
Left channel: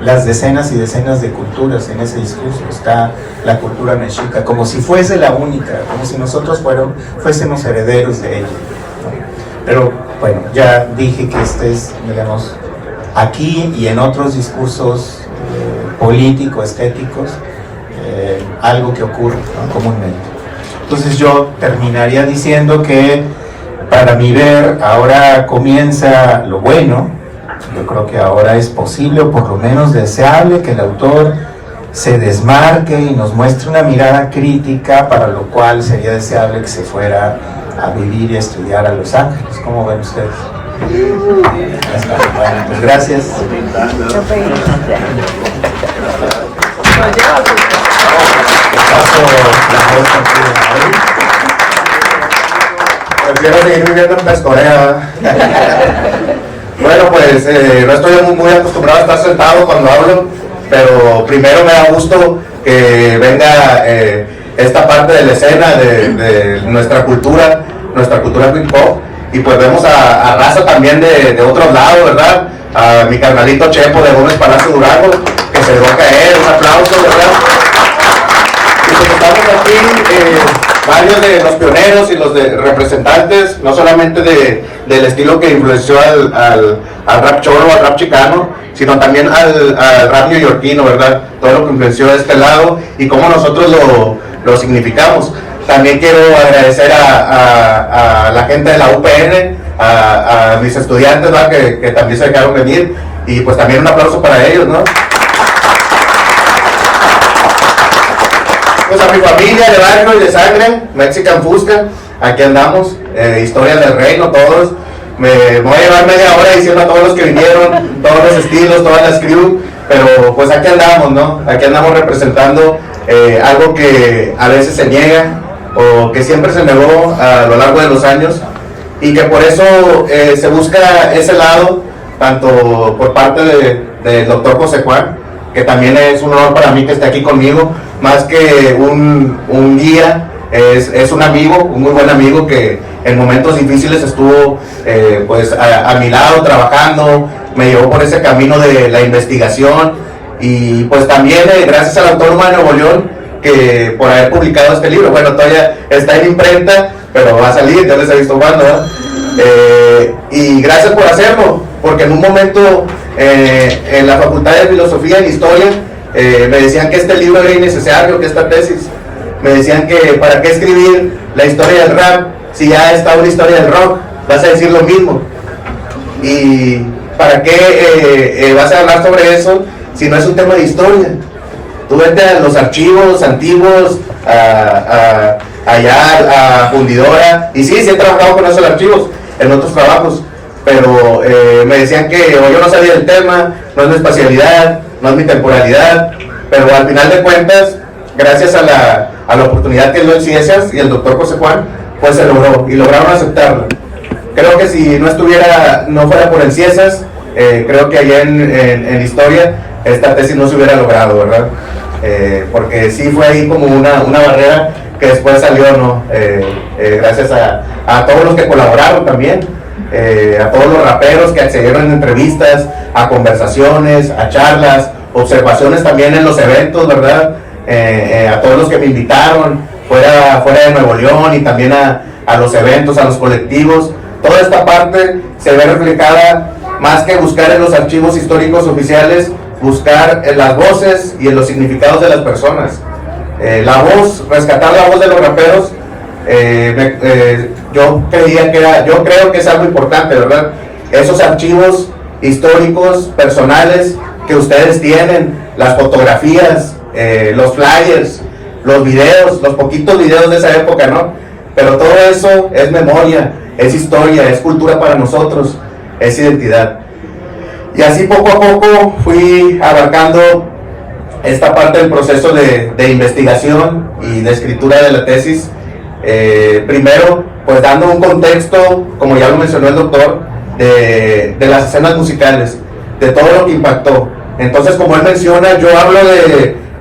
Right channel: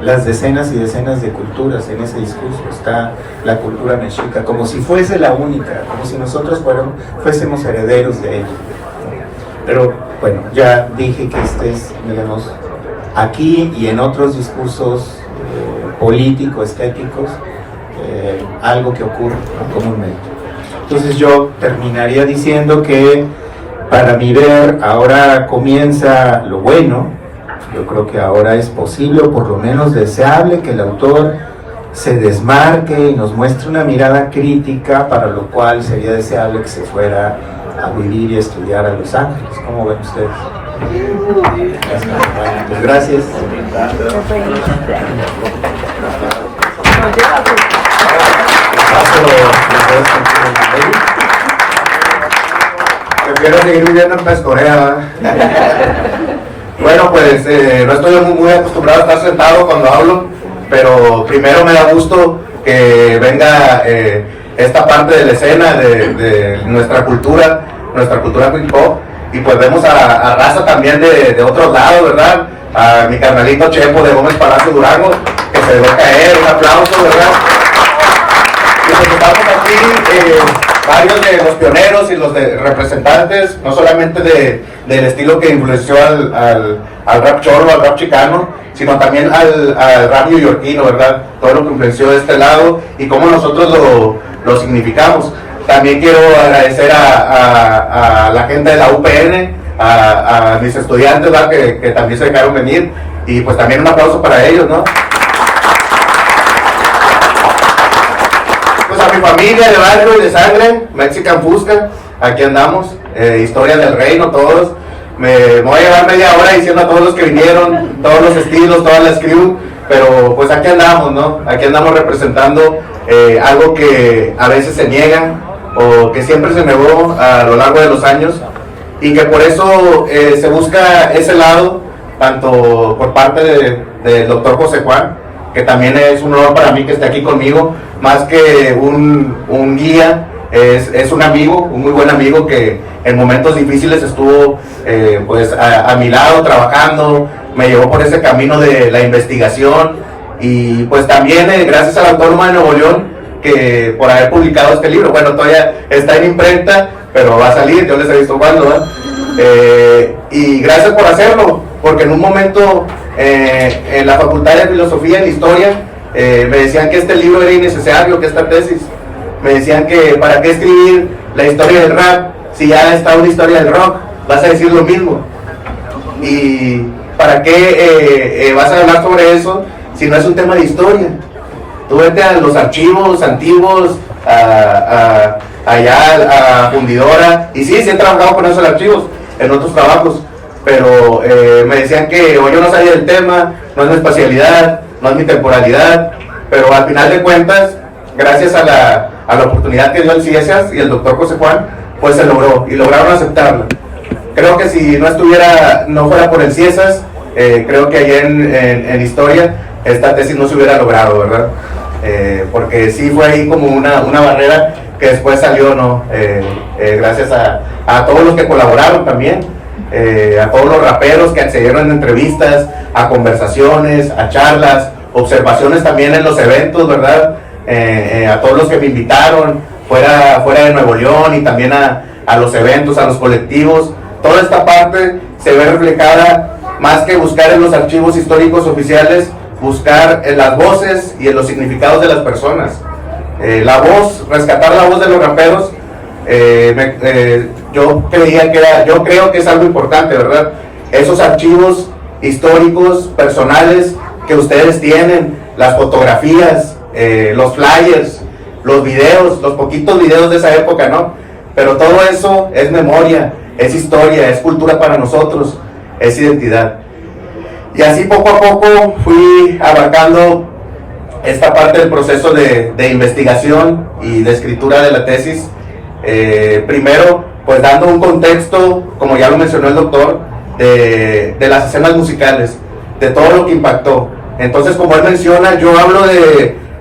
las decenas y decenas de culturas en ese discurso. Está la cultura mexica, como si fuese la única, como si nosotros fuésemos herederos de ella, ¿no? Pero bueno, ya dije que digamos, aquí y en otros discursos políticos, estéticos, algo que ocurre, ¿no? Comúnmente. Entonces yo terminaría diciendo que, para mi ver, ahora comienza lo bueno. Yo creo que ahora es posible, o por lo menos deseable, que el autor se desmarque y nos muestre una mirada crítica, para lo cual sería deseable que se fuera a vivir y estudiar a Los Ángeles. ¿Cómo ven ustedes? Bueno, pues gracias. Prefiero seguir viviendo en Pescorea. Bueno, pues no estoy muy acostumbrado a estar sentado cuando hablo, pero primero me da gusto que venga esta parte de la escena de nuestra cultura hip hop, y pues vemos a raza también de otros lados, ¿verdad? A mi carnalito Chepo de Gómez Palacio Durango, que se va a caer, un aplauso, ¿verdad? Y estamos aquí varios de los pioneros y los representantes, no solamente del estilo que influenció al rap cholo, al rap chicano, sino también al rap neoyorquino, ¿verdad? Todo lo que influenció de este lado y cómo nosotros lo significamos. También quiero agradecer a la gente de la UPN, a mis estudiantes, ¿verdad? Que también se dejaron venir, y pues también un aplauso para ellos, ¿no? Pues a mi familia de barrio y de sangre, Mexican Fusca, aquí andamos, Historias del Reino, todos. Me voy a llevar media hora diciendo a todos los que vinieron, todos los estilos, todas las crew, pero pues aquí andamos, ¿no? Aquí andamos representando algo que a veces se niega o que siempre se negó a lo largo de los años, y que por eso se busca ese lado, tanto por parte del doctor José Juan, que también es un honor para mí que esté aquí conmigo, más que un guía, es un amigo, un muy buen amigo que en momentos difíciles estuvo pues a mi lado trabajando, me llevó por ese camino de la investigación, y pues también gracias a la Autónoma de Nuevo León, que por haber publicado este libro, bueno, todavía está en imprenta, pero va a salir, yo les he visto cuándo, ¿verdad? Y gracias por hacerlo, porque en un momento en la Facultad de Filosofía y Historia me decían que este libro era innecesario, que esta tesis, me decían que para qué escribir la historia del rap si ya está una historia del rock, vas a decir lo mismo, y para qué vas a hablar sobre eso si no es un tema de historia. Tú vete a los archivos antiguos, allá a Fundidora, y sí he trabajado con esos archivos en otros trabajos, pero me decían que o yo no sabía del tema, no es mi espacialidad, no es mi temporalidad, pero al final de cuentas, gracias a la oportunidad que dio el CIESAS y el doctor José Juan, pues se logró, y lograron aceptarlo. Creo que si no fuera por el CIESAS, creo que allá en Historia, esta tesis no se hubiera logrado, ¿verdad? Porque sí fue ahí como una barrera que después salió, ¿no? Gracias a todos los que colaboraron también, a todos los raperos que accedieron a entrevistas, a conversaciones, a charlas, observaciones también en los eventos, ¿verdad? A todos los que me invitaron fuera de Nuevo León, y también a los eventos, a los colectivos. Toda esta parte se ve reflejada, más que buscar en los archivos históricos oficiales, buscar en las voces y en los significados de las personas. Rescatar la voz de los raperos, yo creo que es algo importante, ¿verdad? Esos archivos históricos, personales, que ustedes tienen, las fotografías, los flyers, los videos, los poquitos videos de esa época, ¿no? Pero todo eso es memoria, es historia, es cultura para nosotros, es identidad. Y así poco a poco fui abarcando esta parte del proceso de investigación y de escritura de la tesis. Primero, pues dando un contexto, como ya lo mencionó el doctor, de las escenas musicales, de todo lo que impactó. Entonces, como él menciona, yo hablo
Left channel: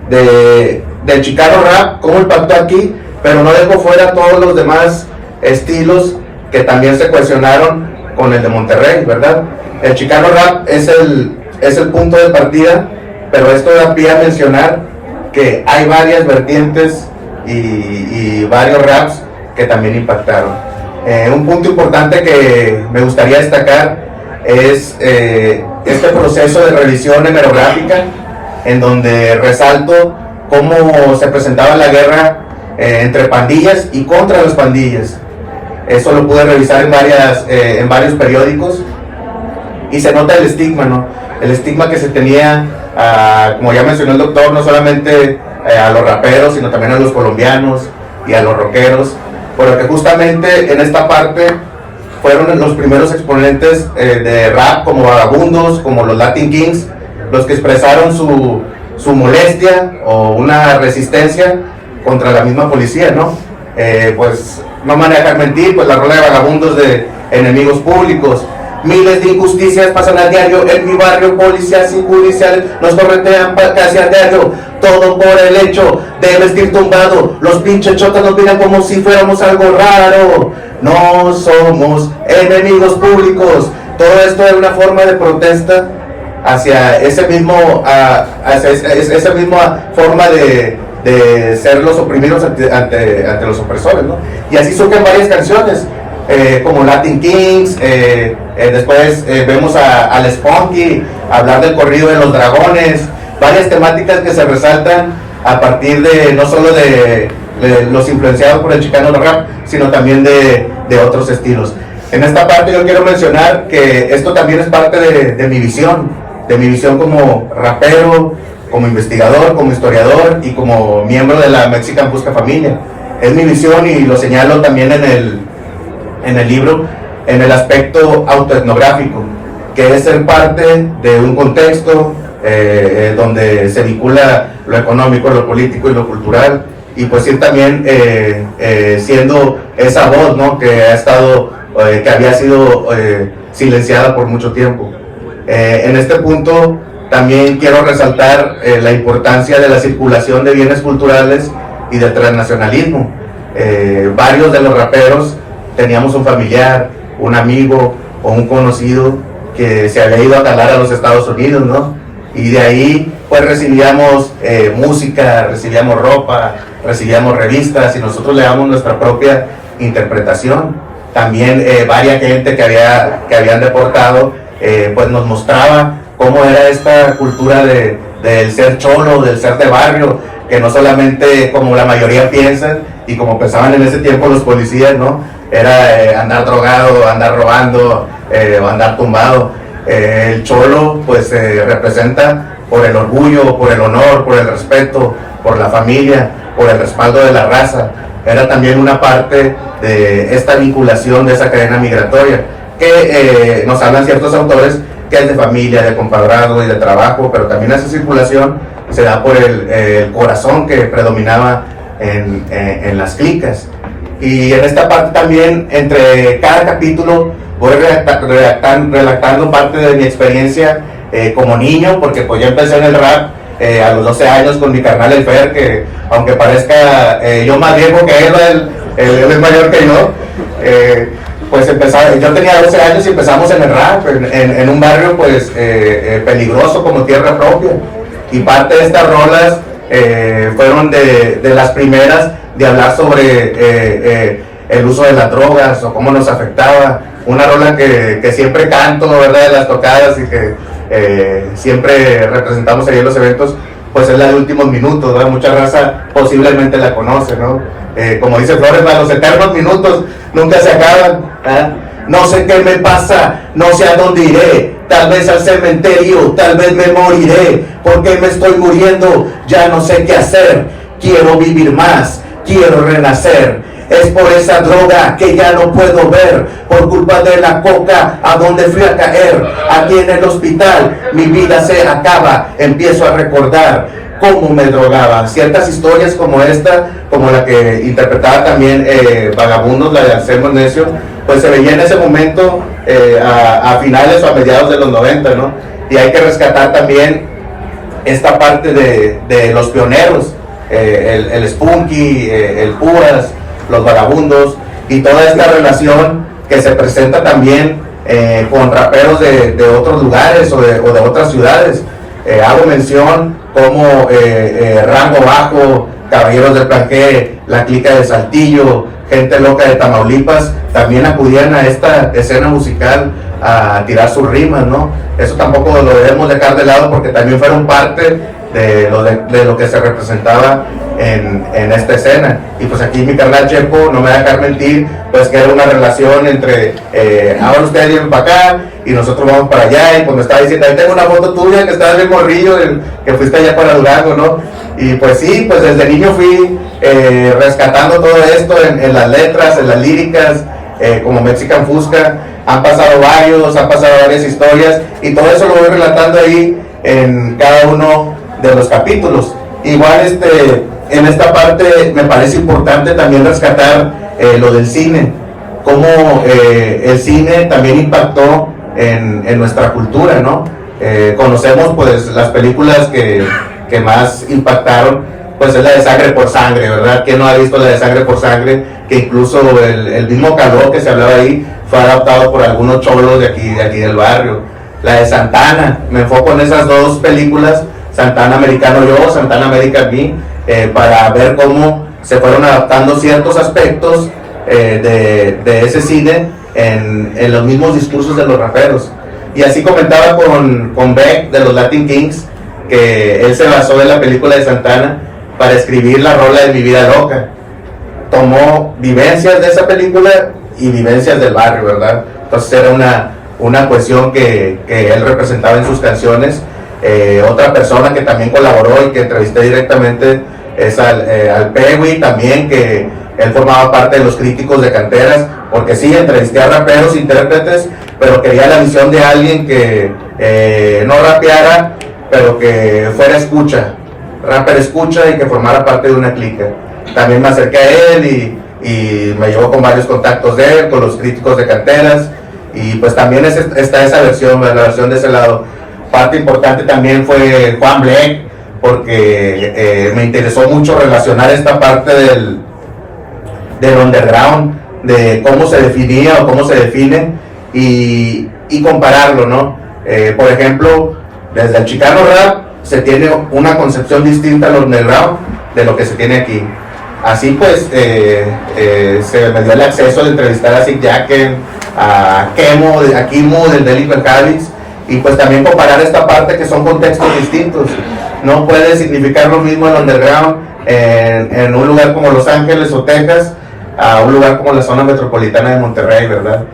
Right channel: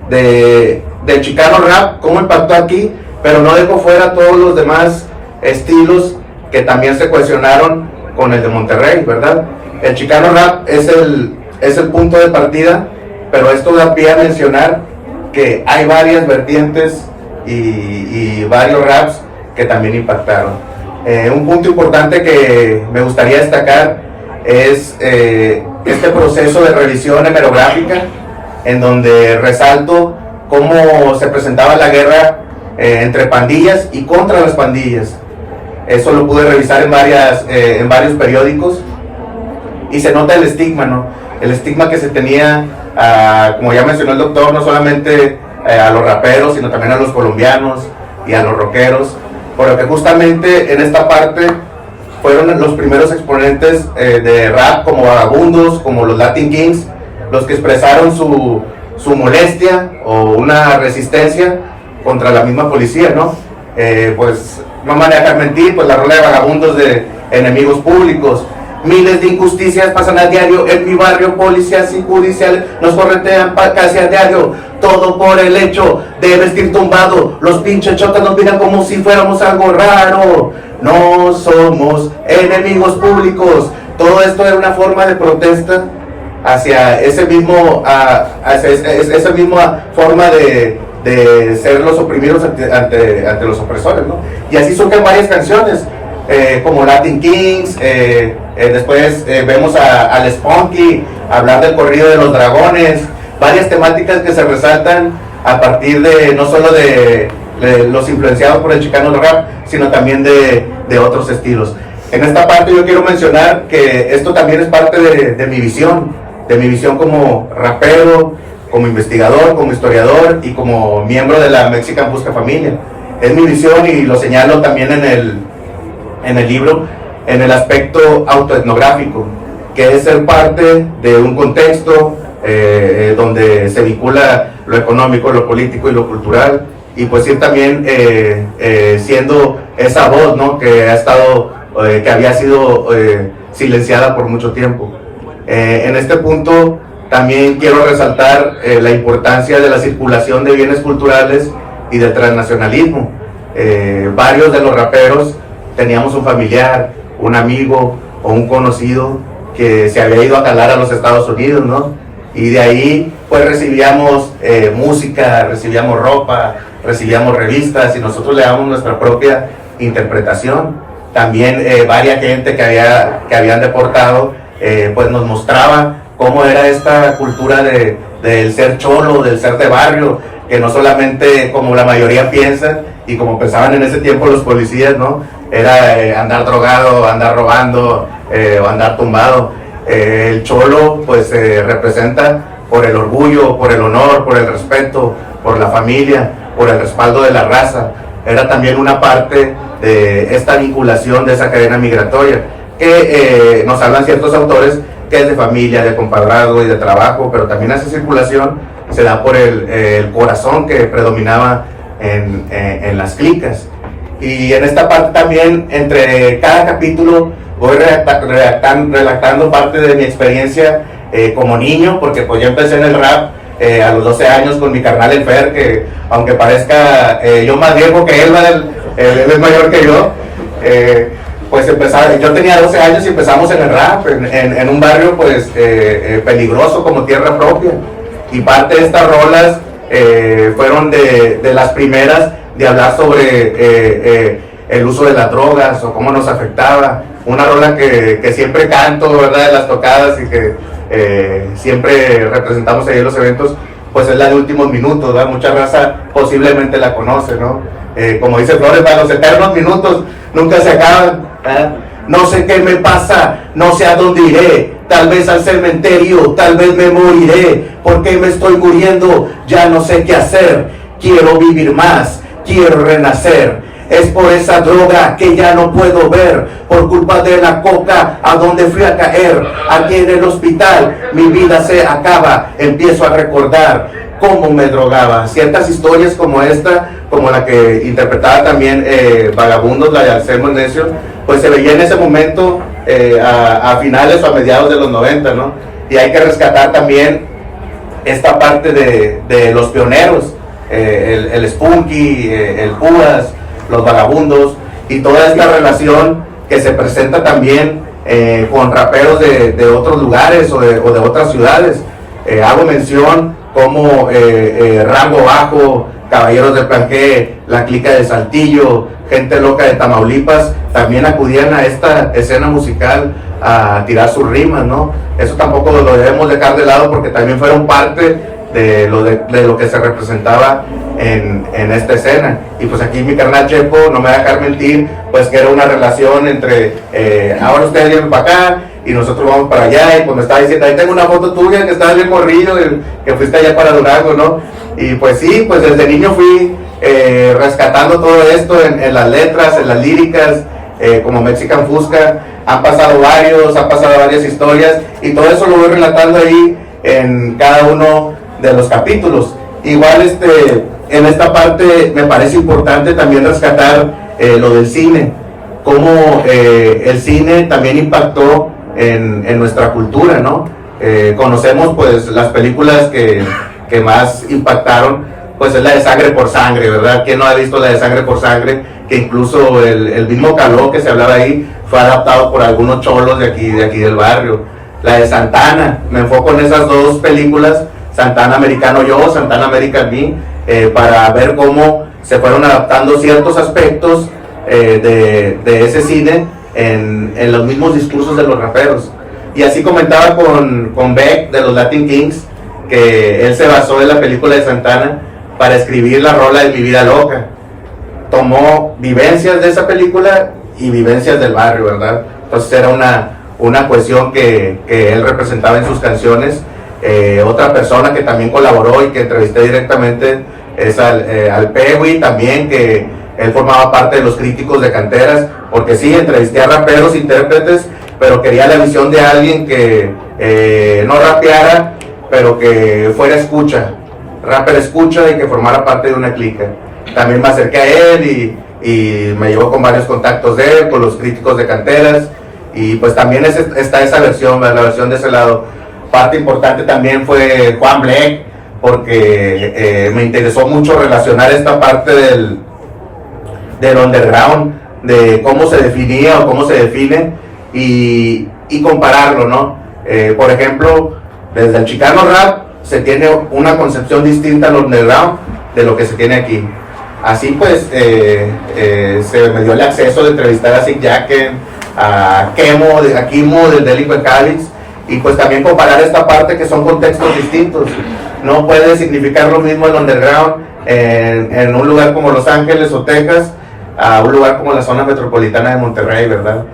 del Chicano Rap, cómo impactó aquí, pero no dejo fuera todos los demás estilos que también se cohesionaron con el de Monterrey, ¿verdad? El Chicano Rap es el punto de partida, pero esto da pie a mencionar que hay varias vertientes y varios raps que también impactaron. Un punto importante que me gustaría destacar es este proceso de revisión hemerográfica, en donde resalto cómo se presentaba la guerra entre pandillas y contra las pandillas. Eso lo pude revisar en varios periódicos, y se nota el estigma, ¿no? El estigma que se tenía, como ya mencionó el doctor, no solamente a los raperos, sino también a los colombianos y a los rockeros, porque justamente en esta parte fueron los primeros exponentes de rap, como Vagabundos, como los Latin Kings, los que expresaron su molestia o una resistencia contra la misma policía, ¿no? Pues no me van a dejar mentir, pues la rola de Vagabundos de Enemigos Públicos. Miles de injusticias pasan a diario en mi barrio, policías y judiciales nos corretean casi a diario, todo por el hecho de vestir tumbado, los pinches chotas nos miran como si fuéramos algo raro, no somos enemigos públicos. Todo esto es una forma de protesta hacia esa misma forma de ser los oprimidos ante los opresores, ¿no? Y así surgen varias canciones, como Latin Kings, después vemos al Spunky hablar del corrido de los dragones, varias temáticas que se resaltan a partir de no solo de los influenciados por el Chicano rap, sino también de otros estilos. En esta parte yo quiero mencionar que esto también es parte de mi visión como rapero, como investigador, como historiador y como miembro de la Mexican Fusca Familia. Es mi visión y lo señalo también en el libro, en el aspecto autoetnográfico, que es ser parte de un contexto donde se vincula lo económico, lo político y lo cultural, y pues ir también siendo esa voz, ¿no? que había sido silenciada por mucho tiempo. En este punto también quiero resaltar la importancia de la circulación de bienes culturales y del transnacionalismo. Varios de los raperos teníamos un familiar, un amigo o un conocido que se había ido a calar a los Estados Unidos, ¿no? Y de ahí pues recibíamos música, recibíamos ropa, recibíamos revistas y nosotros le damos nuestra propia interpretación. También varias gente que habían deportado pues nos mostraba cómo era esta cultura del ser cholo, del ser de barrio, que no solamente como la mayoría piensan y como pensaban en ese tiempo los policías, ¿no? Era andar drogado, andar robando o andar tumbado. El cholo pues representa por el orgullo, por el honor, por el respeto, por la familia, por el respaldo de la raza. Era también una parte de esta vinculación de esa cadena migratoria que nos hablan ciertos autores que es de familia, de compadrazgo y de trabajo, pero también esa circulación se da por el corazón que predominaba en las clicas. Y en esta parte también, entre cada capítulo, voy relatando parte de mi experiencia como niño, porque pues yo empecé en el rap a los 12 años con mi carnal el Fer, que aunque parezca yo más viejo que él es mayor que yo, pues yo tenía 12 años y empezamos en el rap, en un barrio pues peligroso como tierra propia. Y parte de estas rolas fueron de las primeras de hablar sobre el uso de las drogas o cómo nos afectaba. Una rola que siempre canto, ¿verdad?, de las tocadas y que siempre representamos ahí en los eventos, pues es la de Últimos Minutos, ¿verdad? Mucha raza posiblemente la conoce, ¿no? Como dice Flores, los eternos minutos nunca se acaban, ¿verdad? No sé qué me pasa, no sé a dónde iré, tal vez al cementerio, tal vez me moriré, porque me estoy muriendo, ya no sé qué hacer, quiero vivir más, quiero renacer. Es por esa droga que ya no puedo ver, por culpa de la coca, a donde fui a caer, aquí en el hospital, mi vida se acaba, empiezo a recordar cómo me drogaba. Ciertas historias como esta, como la que interpretaba también Vagabundos, la de Anselmo el Necio, pues se veía en ese momento a finales o a mediados de los 90, ¿no? Y hay que rescatar también esta parte de los pioneros, el Spunky, el Púas, los Vagabundos, y toda esta relación que se presenta también con raperos de otros lugares o de otras ciudades. Hago mención como Rango Bajo, Caballeros del Planqué, La Clica de Saltillo, Gente Loca de Tamaulipas, también acudían a esta escena musical a tirar sus rimas, ¿no? Eso tampoco lo debemos dejar de lado porque también fueron parte de lo que se representaba en esta escena. Y pues aquí mi carnal Chepo no me va a dejar mentir, pues que era una relación entre ahora ustedes vienen para acá y nosotros vamos para allá, y pues me estaba diciendo, ahí tengo una foto tuya que estabas bien morrillo, que fuiste allá para Durango, ¿no? Y pues sí, pues desde niño fui rescatando todo esto en las letras, en las líricas, como Mexican Fusca. Han pasado varias historias, y todo eso lo voy relatando ahí en cada uno de los capítulos. Igual en esta parte me parece importante también rescatar lo del cine, cómo el cine también impactó en nuestra cultura, ¿no? Conocemos pues las películas que más impactaron, pues es la de Sangre por Sangre, ¿verdad? ¿Quién no ha visto la de Sangre por Sangre? Que incluso el mismo calor que se hablaba ahí fue adaptado por algunos cholos de aquí del barrio. La de Santana, me enfoco en esas dos películas, Santana Americano Yo, Santana American Me, para ver cómo se fueron adaptando ciertos aspectos de ese cine en los mismos discursos de los raperos. Y así comentaba con Beck de los Latin Kings, que él se basó en la película de Santana para escribir la rola de Mi Vida Loca. Tomó vivencias de esa película y vivencias del barrio, ¿verdad? Entonces era una cuestión que él representaba en sus canciones. Otra persona que también colaboró y que entrevisté directamente es al Pewi también, que él formaba parte de los críticos de canteras, porque sí, entrevisté a raperos, intérpretes, pero quería la visión de alguien que no rapeara, pero que fuera rapper escucha, y que formara parte de una clica. También me acerqué a él y me llevó con varios contactos de él, con los críticos de canteras, y pues también está esa versión, la versión de ese lado. Parte importante también fue Juan Black, porque me interesó mucho relacionar esta parte del underground, de cómo se definía o cómo se define, y compararlo, ¿no? Por ejemplo, desde el Chicano Rap se tiene una concepción distinta al underground de lo que se tiene aquí. Así pues, se me dio el acceso de entrevistar a Sick Jacken, a Kemo, a Kimo del Delinquent Habits, y pues también comparar esta parte, que son contextos distintos. No puede significar lo mismo el underground en un lugar como Los Ángeles o Texas a un lugar como la zona metropolitana de Monterrey, ¿verdad?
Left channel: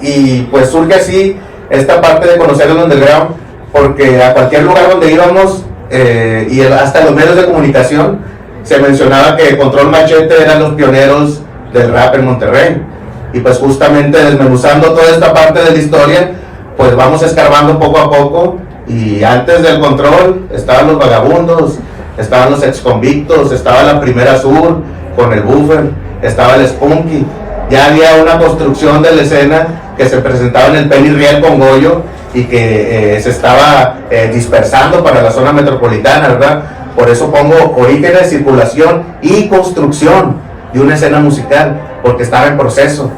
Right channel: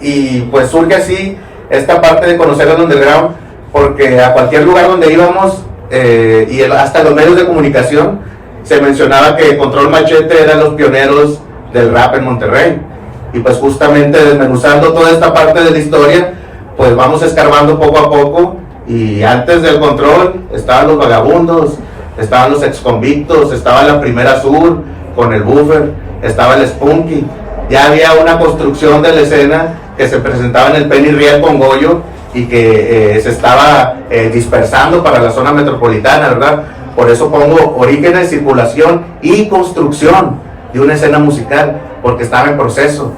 Y pues surge así esta parte de conocer el underground, porque a cualquier lugar donde íbamos, y hasta los medios de comunicación, se mencionaba que Control Machete eran los pioneros del rap en Monterrey. Y pues justamente desmenuzando toda esta parte de la historia, pues vamos escarbando poco a poco, y antes del Control estaban los Vagabundos, estaban los Exconvictos, estaba la Primera Sur con el Buffer, estaba el Spunky. Ya había una construcción de la escena que se presentaba en el Penny Real con Goyo, y que se estaba dispersando para la zona metropolitana, ¿verdad? Por eso pongo orígenes, circulación y construcción de una escena musical, porque estaba en proceso.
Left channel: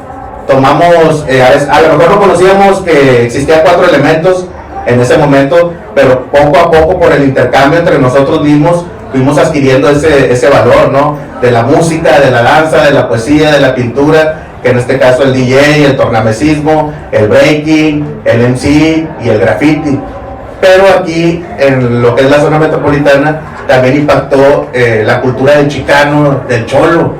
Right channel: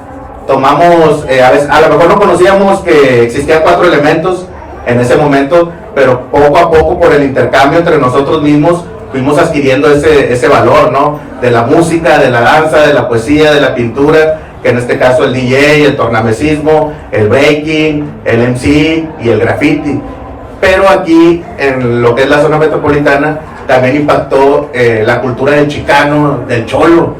Tomamos, a lo mejor no conocíamos que existían 4 elementos en ese momento, pero poco a poco, por el intercambio entre nosotros mismos, fuimos adquiriendo ese valor, ¿no? De la música, de la danza, de la poesía, de la pintura, que en este caso el DJ, el tornamesismo, el breaking, el MC y el graffiti. Pero aquí, en lo que es la zona metropolitana, también impactó la cultura del chicano, del cholo.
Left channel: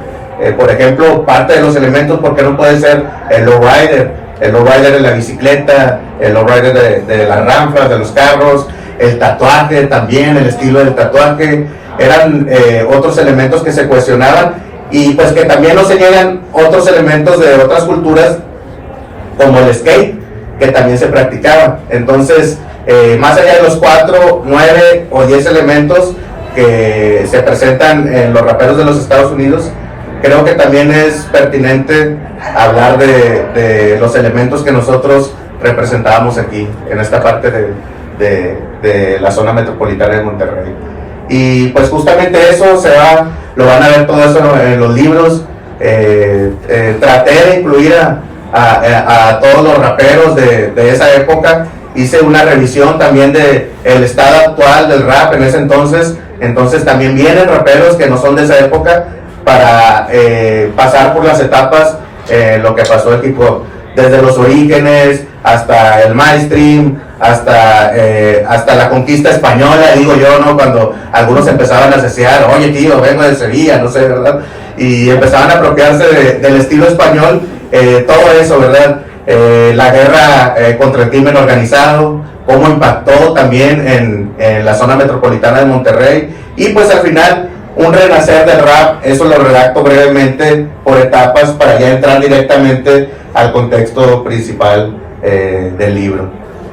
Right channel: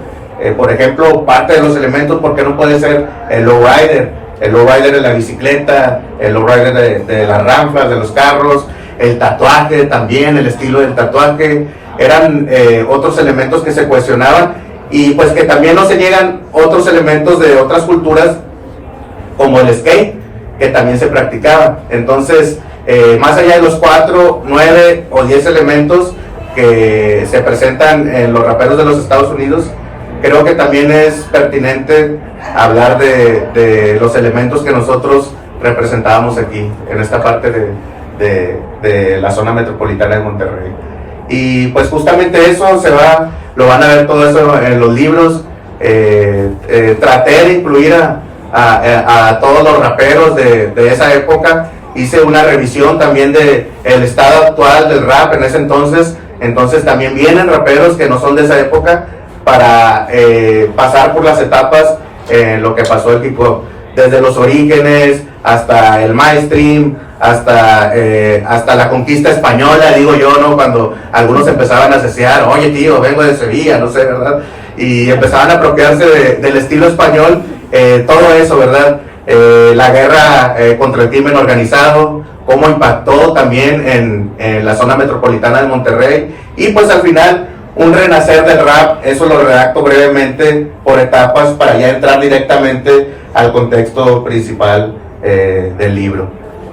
Por ejemplo, parte de los elementos, porque no puede ser el lowrider en la bicicleta, el lowrider de las rampas, de los carros, el tatuaje también, el estilo del tatuaje, eran otros elementos que se cuestionaban, y pues que también no se niegan otros elementos de otras culturas, como el skate, que también se practicaba. Entonces, más allá de los 4, 9 o 10 elementos que se presentan en los raperos de los Estados Unidos, creo que también es pertinente hablar de los elementos que nosotros representábamos aquí, en esta parte de la zona metropolitana de Monterrey. Y pues justamente eso lo van a ver todo eso en los libros. Traté de incluir a todos los raperos de esa época. Hice una revisión también del estado actual del rap en ese entonces. Entonces también vienen raperos que no son de esa época, para pasar por las etapas lo que pasó el hip hop, desde los orígenes hasta el mainstream, hasta la conquista española, digo yo, ¿no? Cuando algunos empezaban a desear, oye tío, vengo de Sevilla, no sé, ¿verdad? Y empezaban a apropiarse del estilo español, todo eso, ¿verdad? La guerra contra el crimen organizado, cómo impactó también en la zona metropolitana de Monterrey, y pues al final un renacer del rap. Eso lo redacto brevemente por etapas para ya entrar directamente al contexto principal del libro.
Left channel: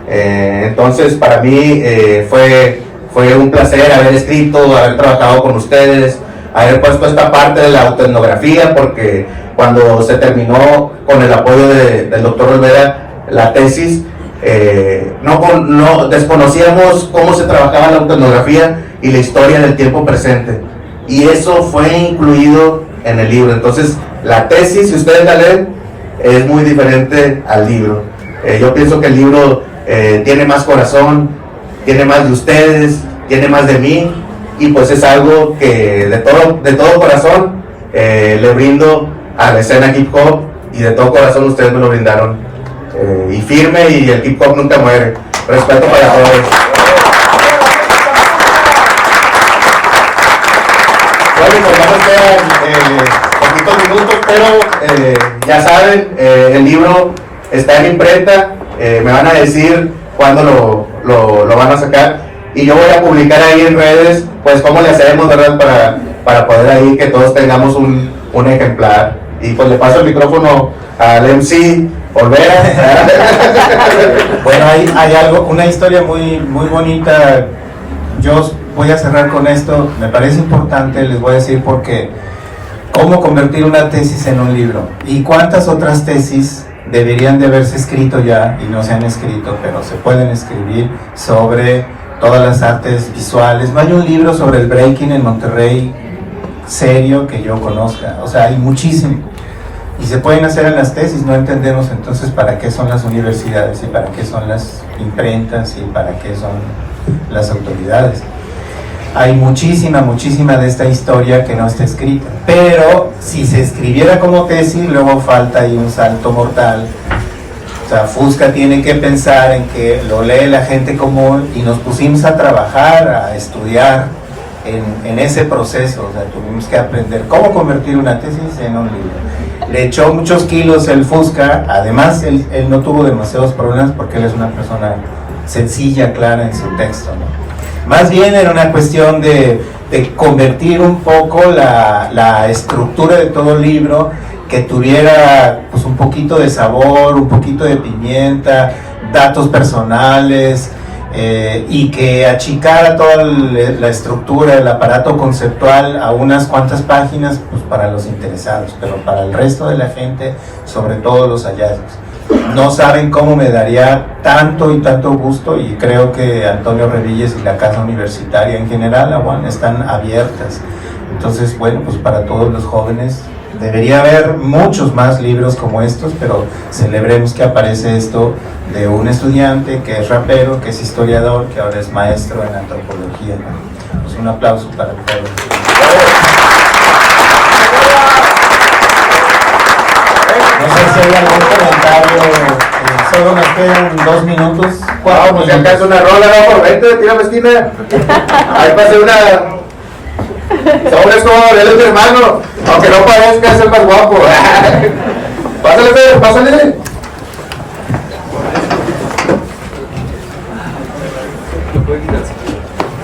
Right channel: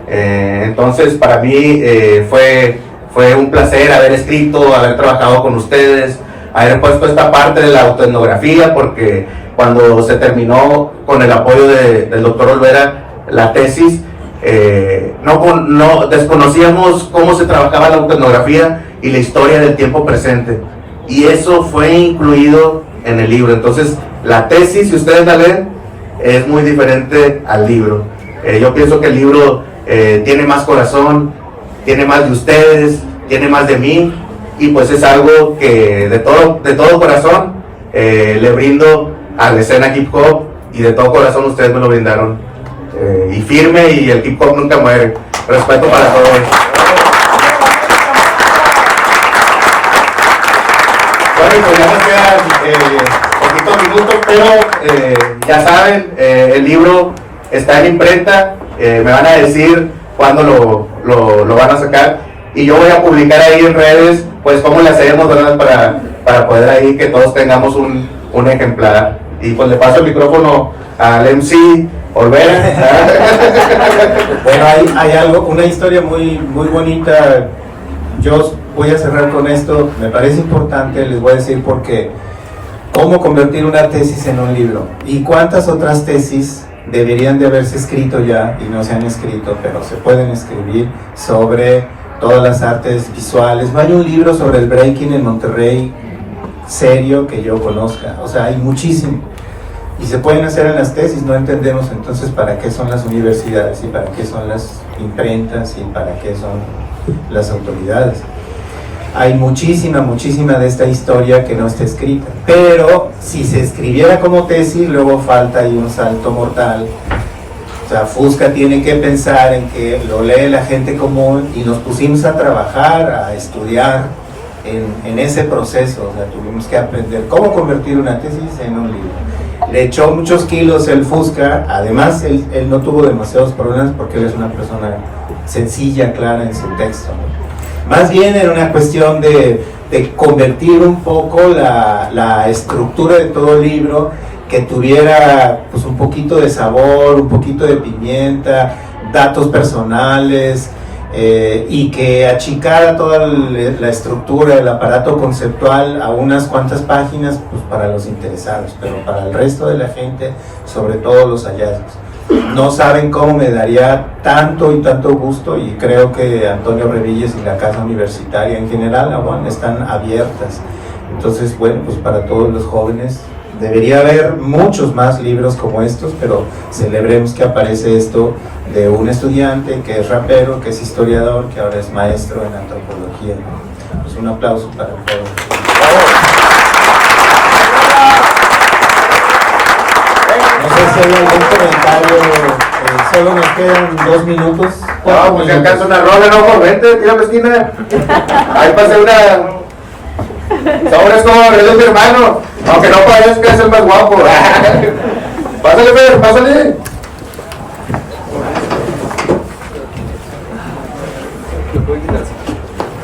Entonces para mí fue un placer haber escrito, haber trabajado con ustedes, haber puesto esta parte de la autoetnografía, porque cuando se terminó con el apoyo del doctor Olvera la tesis, no desconocíamos cómo se trabajaba la autoetnografía y la historia del tiempo presente, y eso fue incluido en el libro. Entonces la tesis, si ustedes la leen, es muy diferente al libro. Yo pienso que el libro tiene más corazón, tiene más de ustedes, tiene más de mí, y pues es algo que de todo corazón le brindo a la escena hip hop, y de todo corazón ustedes me lo brindaron, y firme, y el hip hop nunca muere. Respeto para todos. Bueno, pues ya nos quedan poquitos minutos, pero ya saben, el libro está en imprenta. Me van a decir cuándo lo van a sacar, y yo voy a publicar ahí en redes pues cómo le hacemos, ¿verdad? Para poder ahí que todos tengamos un ejemplar. Y pues le paso el micrófono al MC Olvera. Bueno, hay algo, una historia muy bonita. Yo voy a cerrar con esto. Me parece importante, les voy a decir porque cómo convertir una tesis en un libro, y cuántas otras tesis deberían de haberse escrito ya y no se han escrito, pero se pueden escribir sobre todas las artes visuales. No hay un libro sobre el breaking en Monterrey serio que yo conozca. O sea, hay muchísimo, y se pueden hacer en las tesis. No entendemos entonces para qué son las universidades, y para qué son las imprentas, y para qué son las autoridades. Hay muchísima de esta historia que no está escrita, pero si se escribiera como tesis, luego falta ahí un salto mortal. O sea, Fusca tiene que pensar en que lo lee la gente común, y nos pusimos a trabajar, a estudiar en ese proceso. O sea, tuvimos que aprender cómo convertir una tesis en un libro. Le echó muchos kilos el Fusca. Además, él no tuvo demasiados problemas porque él es una persona sencilla, clara en su texto, ¿no? Más bien era una cuestión de convertir un poco la estructura de todo el libro, que tuviera pues un poquito de sabor, un poquito de pimienta, datos personales, y que achicara toda la estructura, el aparato conceptual a unas cuantas páginas, pues para los interesados, pero para el resto de la gente, sobre todo los hallazgos. No saben cómo me daría tanto gusto, y creo que Antonio Revilles y la Casa Universitaria en general, la UAN, están abiertas. Entonces, bueno, pues para todos los jóvenes debería haber muchos más libros como estos, pero celebremos que aparece esto de un estudiante que es rapero, que es historiador, que ahora es maestro en antropología, ¿no? Pues un aplauso para el joven. No sé si hay algún comentario. Solo nos quedan 2 minutos. No, pues si acaso una rola, no, vente, tírame esquina. Ahí pasé una. Sobres, con él es mi hermano, aunque no parezca, es el más guapo. Pásale, Fer, pásale.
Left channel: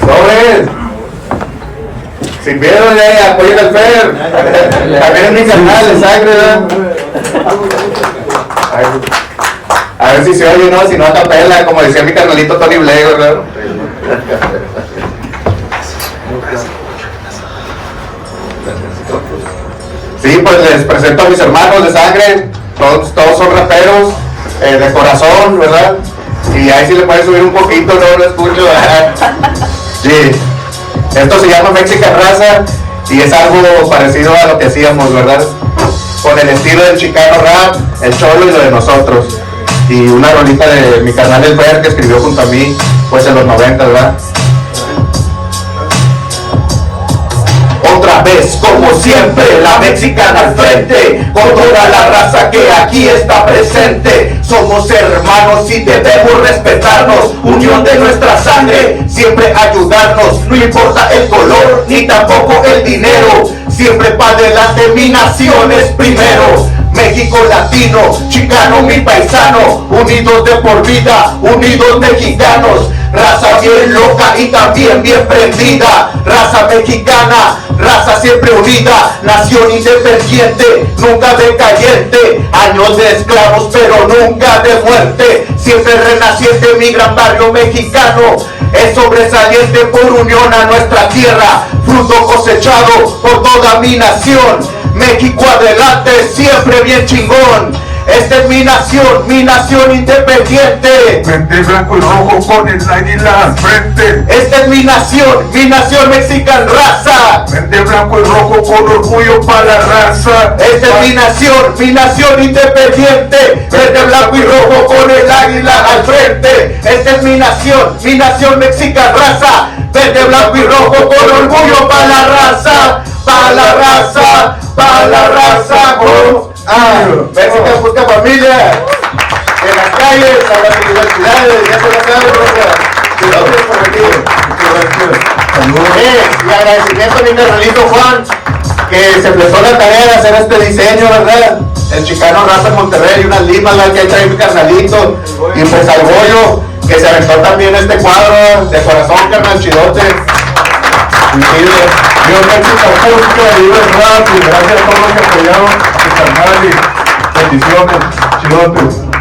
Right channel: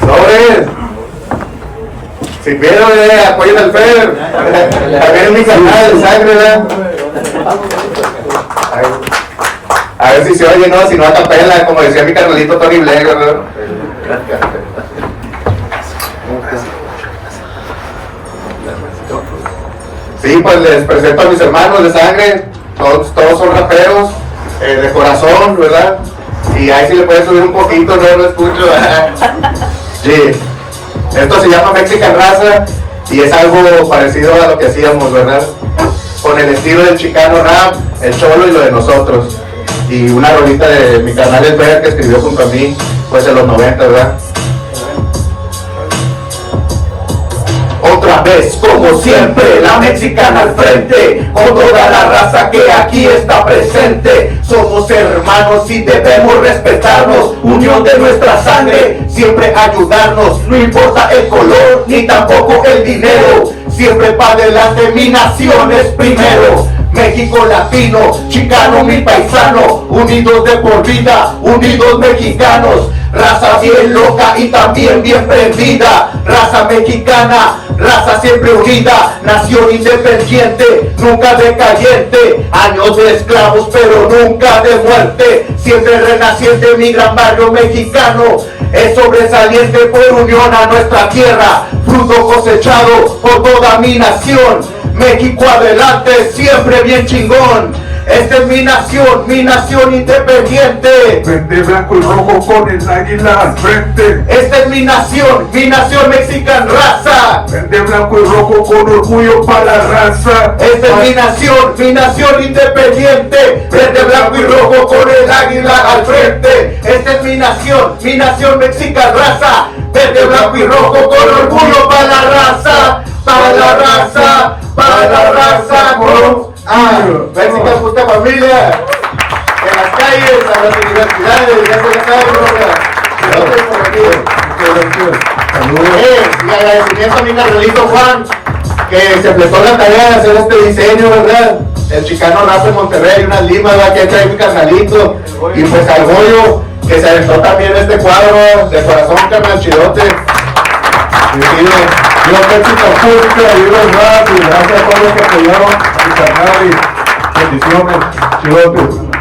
Sobres. Si vieron, apoyen al Fer. También es mi canal de sangre, ¿verdad? A ver si se oye, ¿no? Si no a capela, como decía mi carnalito Tony Blair, ¿verdad? Sí, pues les presento a mis hermanos de sangre. Todos son raperos, de corazón, ¿verdad? Y ahí sí le pueden subir un poquito, no lo escucho. Sí. Esto se llama Mexican Raza, y es algo parecido a lo que hacíamos, ¿verdad? Con el estilo del chicano rap, el cholo y lo de nosotros. Y una rolita de mi canal El Fer, que escribió junto a mí, pues en los 90, ¿verdad? Otra otra vez, como siempre, la mexicana al frente, con toda la raza que aquí está presente. Somos hermanos y debemos respetarnos, unión de nuestra sangre, siempre ayudarnos, no importa el color ni tampoco el dinero, siempre para adelante, mi nación es primero. México latino, chicano, mi paisano, unidos de por vida, unidos mexicanos, raza bien loca y también bien prendida, raza mexicana, raza siempre unida, nación independiente, nunca decayente, años de esclavos pero nunca de muerte, siempre renaciente mi gran barrio mexicano, es sobresaliente por unión a nuestra tierra, fruto cosechado por toda mi nación. México adelante, siempre bien chingón. Esta es mi nación independiente. Verde, blanco y rojo con el águila al frente. Esta es mi nación mexican raza. Verde, blanco y rojo con orgullo para la raza. Esta es mi nación independiente. Verde, blanco y rojo con el águila al frente. Esta es mi nación mexican raza. Verde, blanco y rojo con orgullo para la raza. Para la raza, para la raza. México busca familia. En las calles, a las universidades, ya se la y agradecimiento a mi carnalito Juan, que se prestó la tarea de hacer este diseño, ¿verdad? El Chicano Raza en Monterrey, unas líneas que trae mi carnalito. Y pues al Goyo, que se aventó también este cuadro de corazón, carnal chidote. Yo México pública y verdad, y gracias a todos los que apoyaron mi canal y bendiciones, chidotes.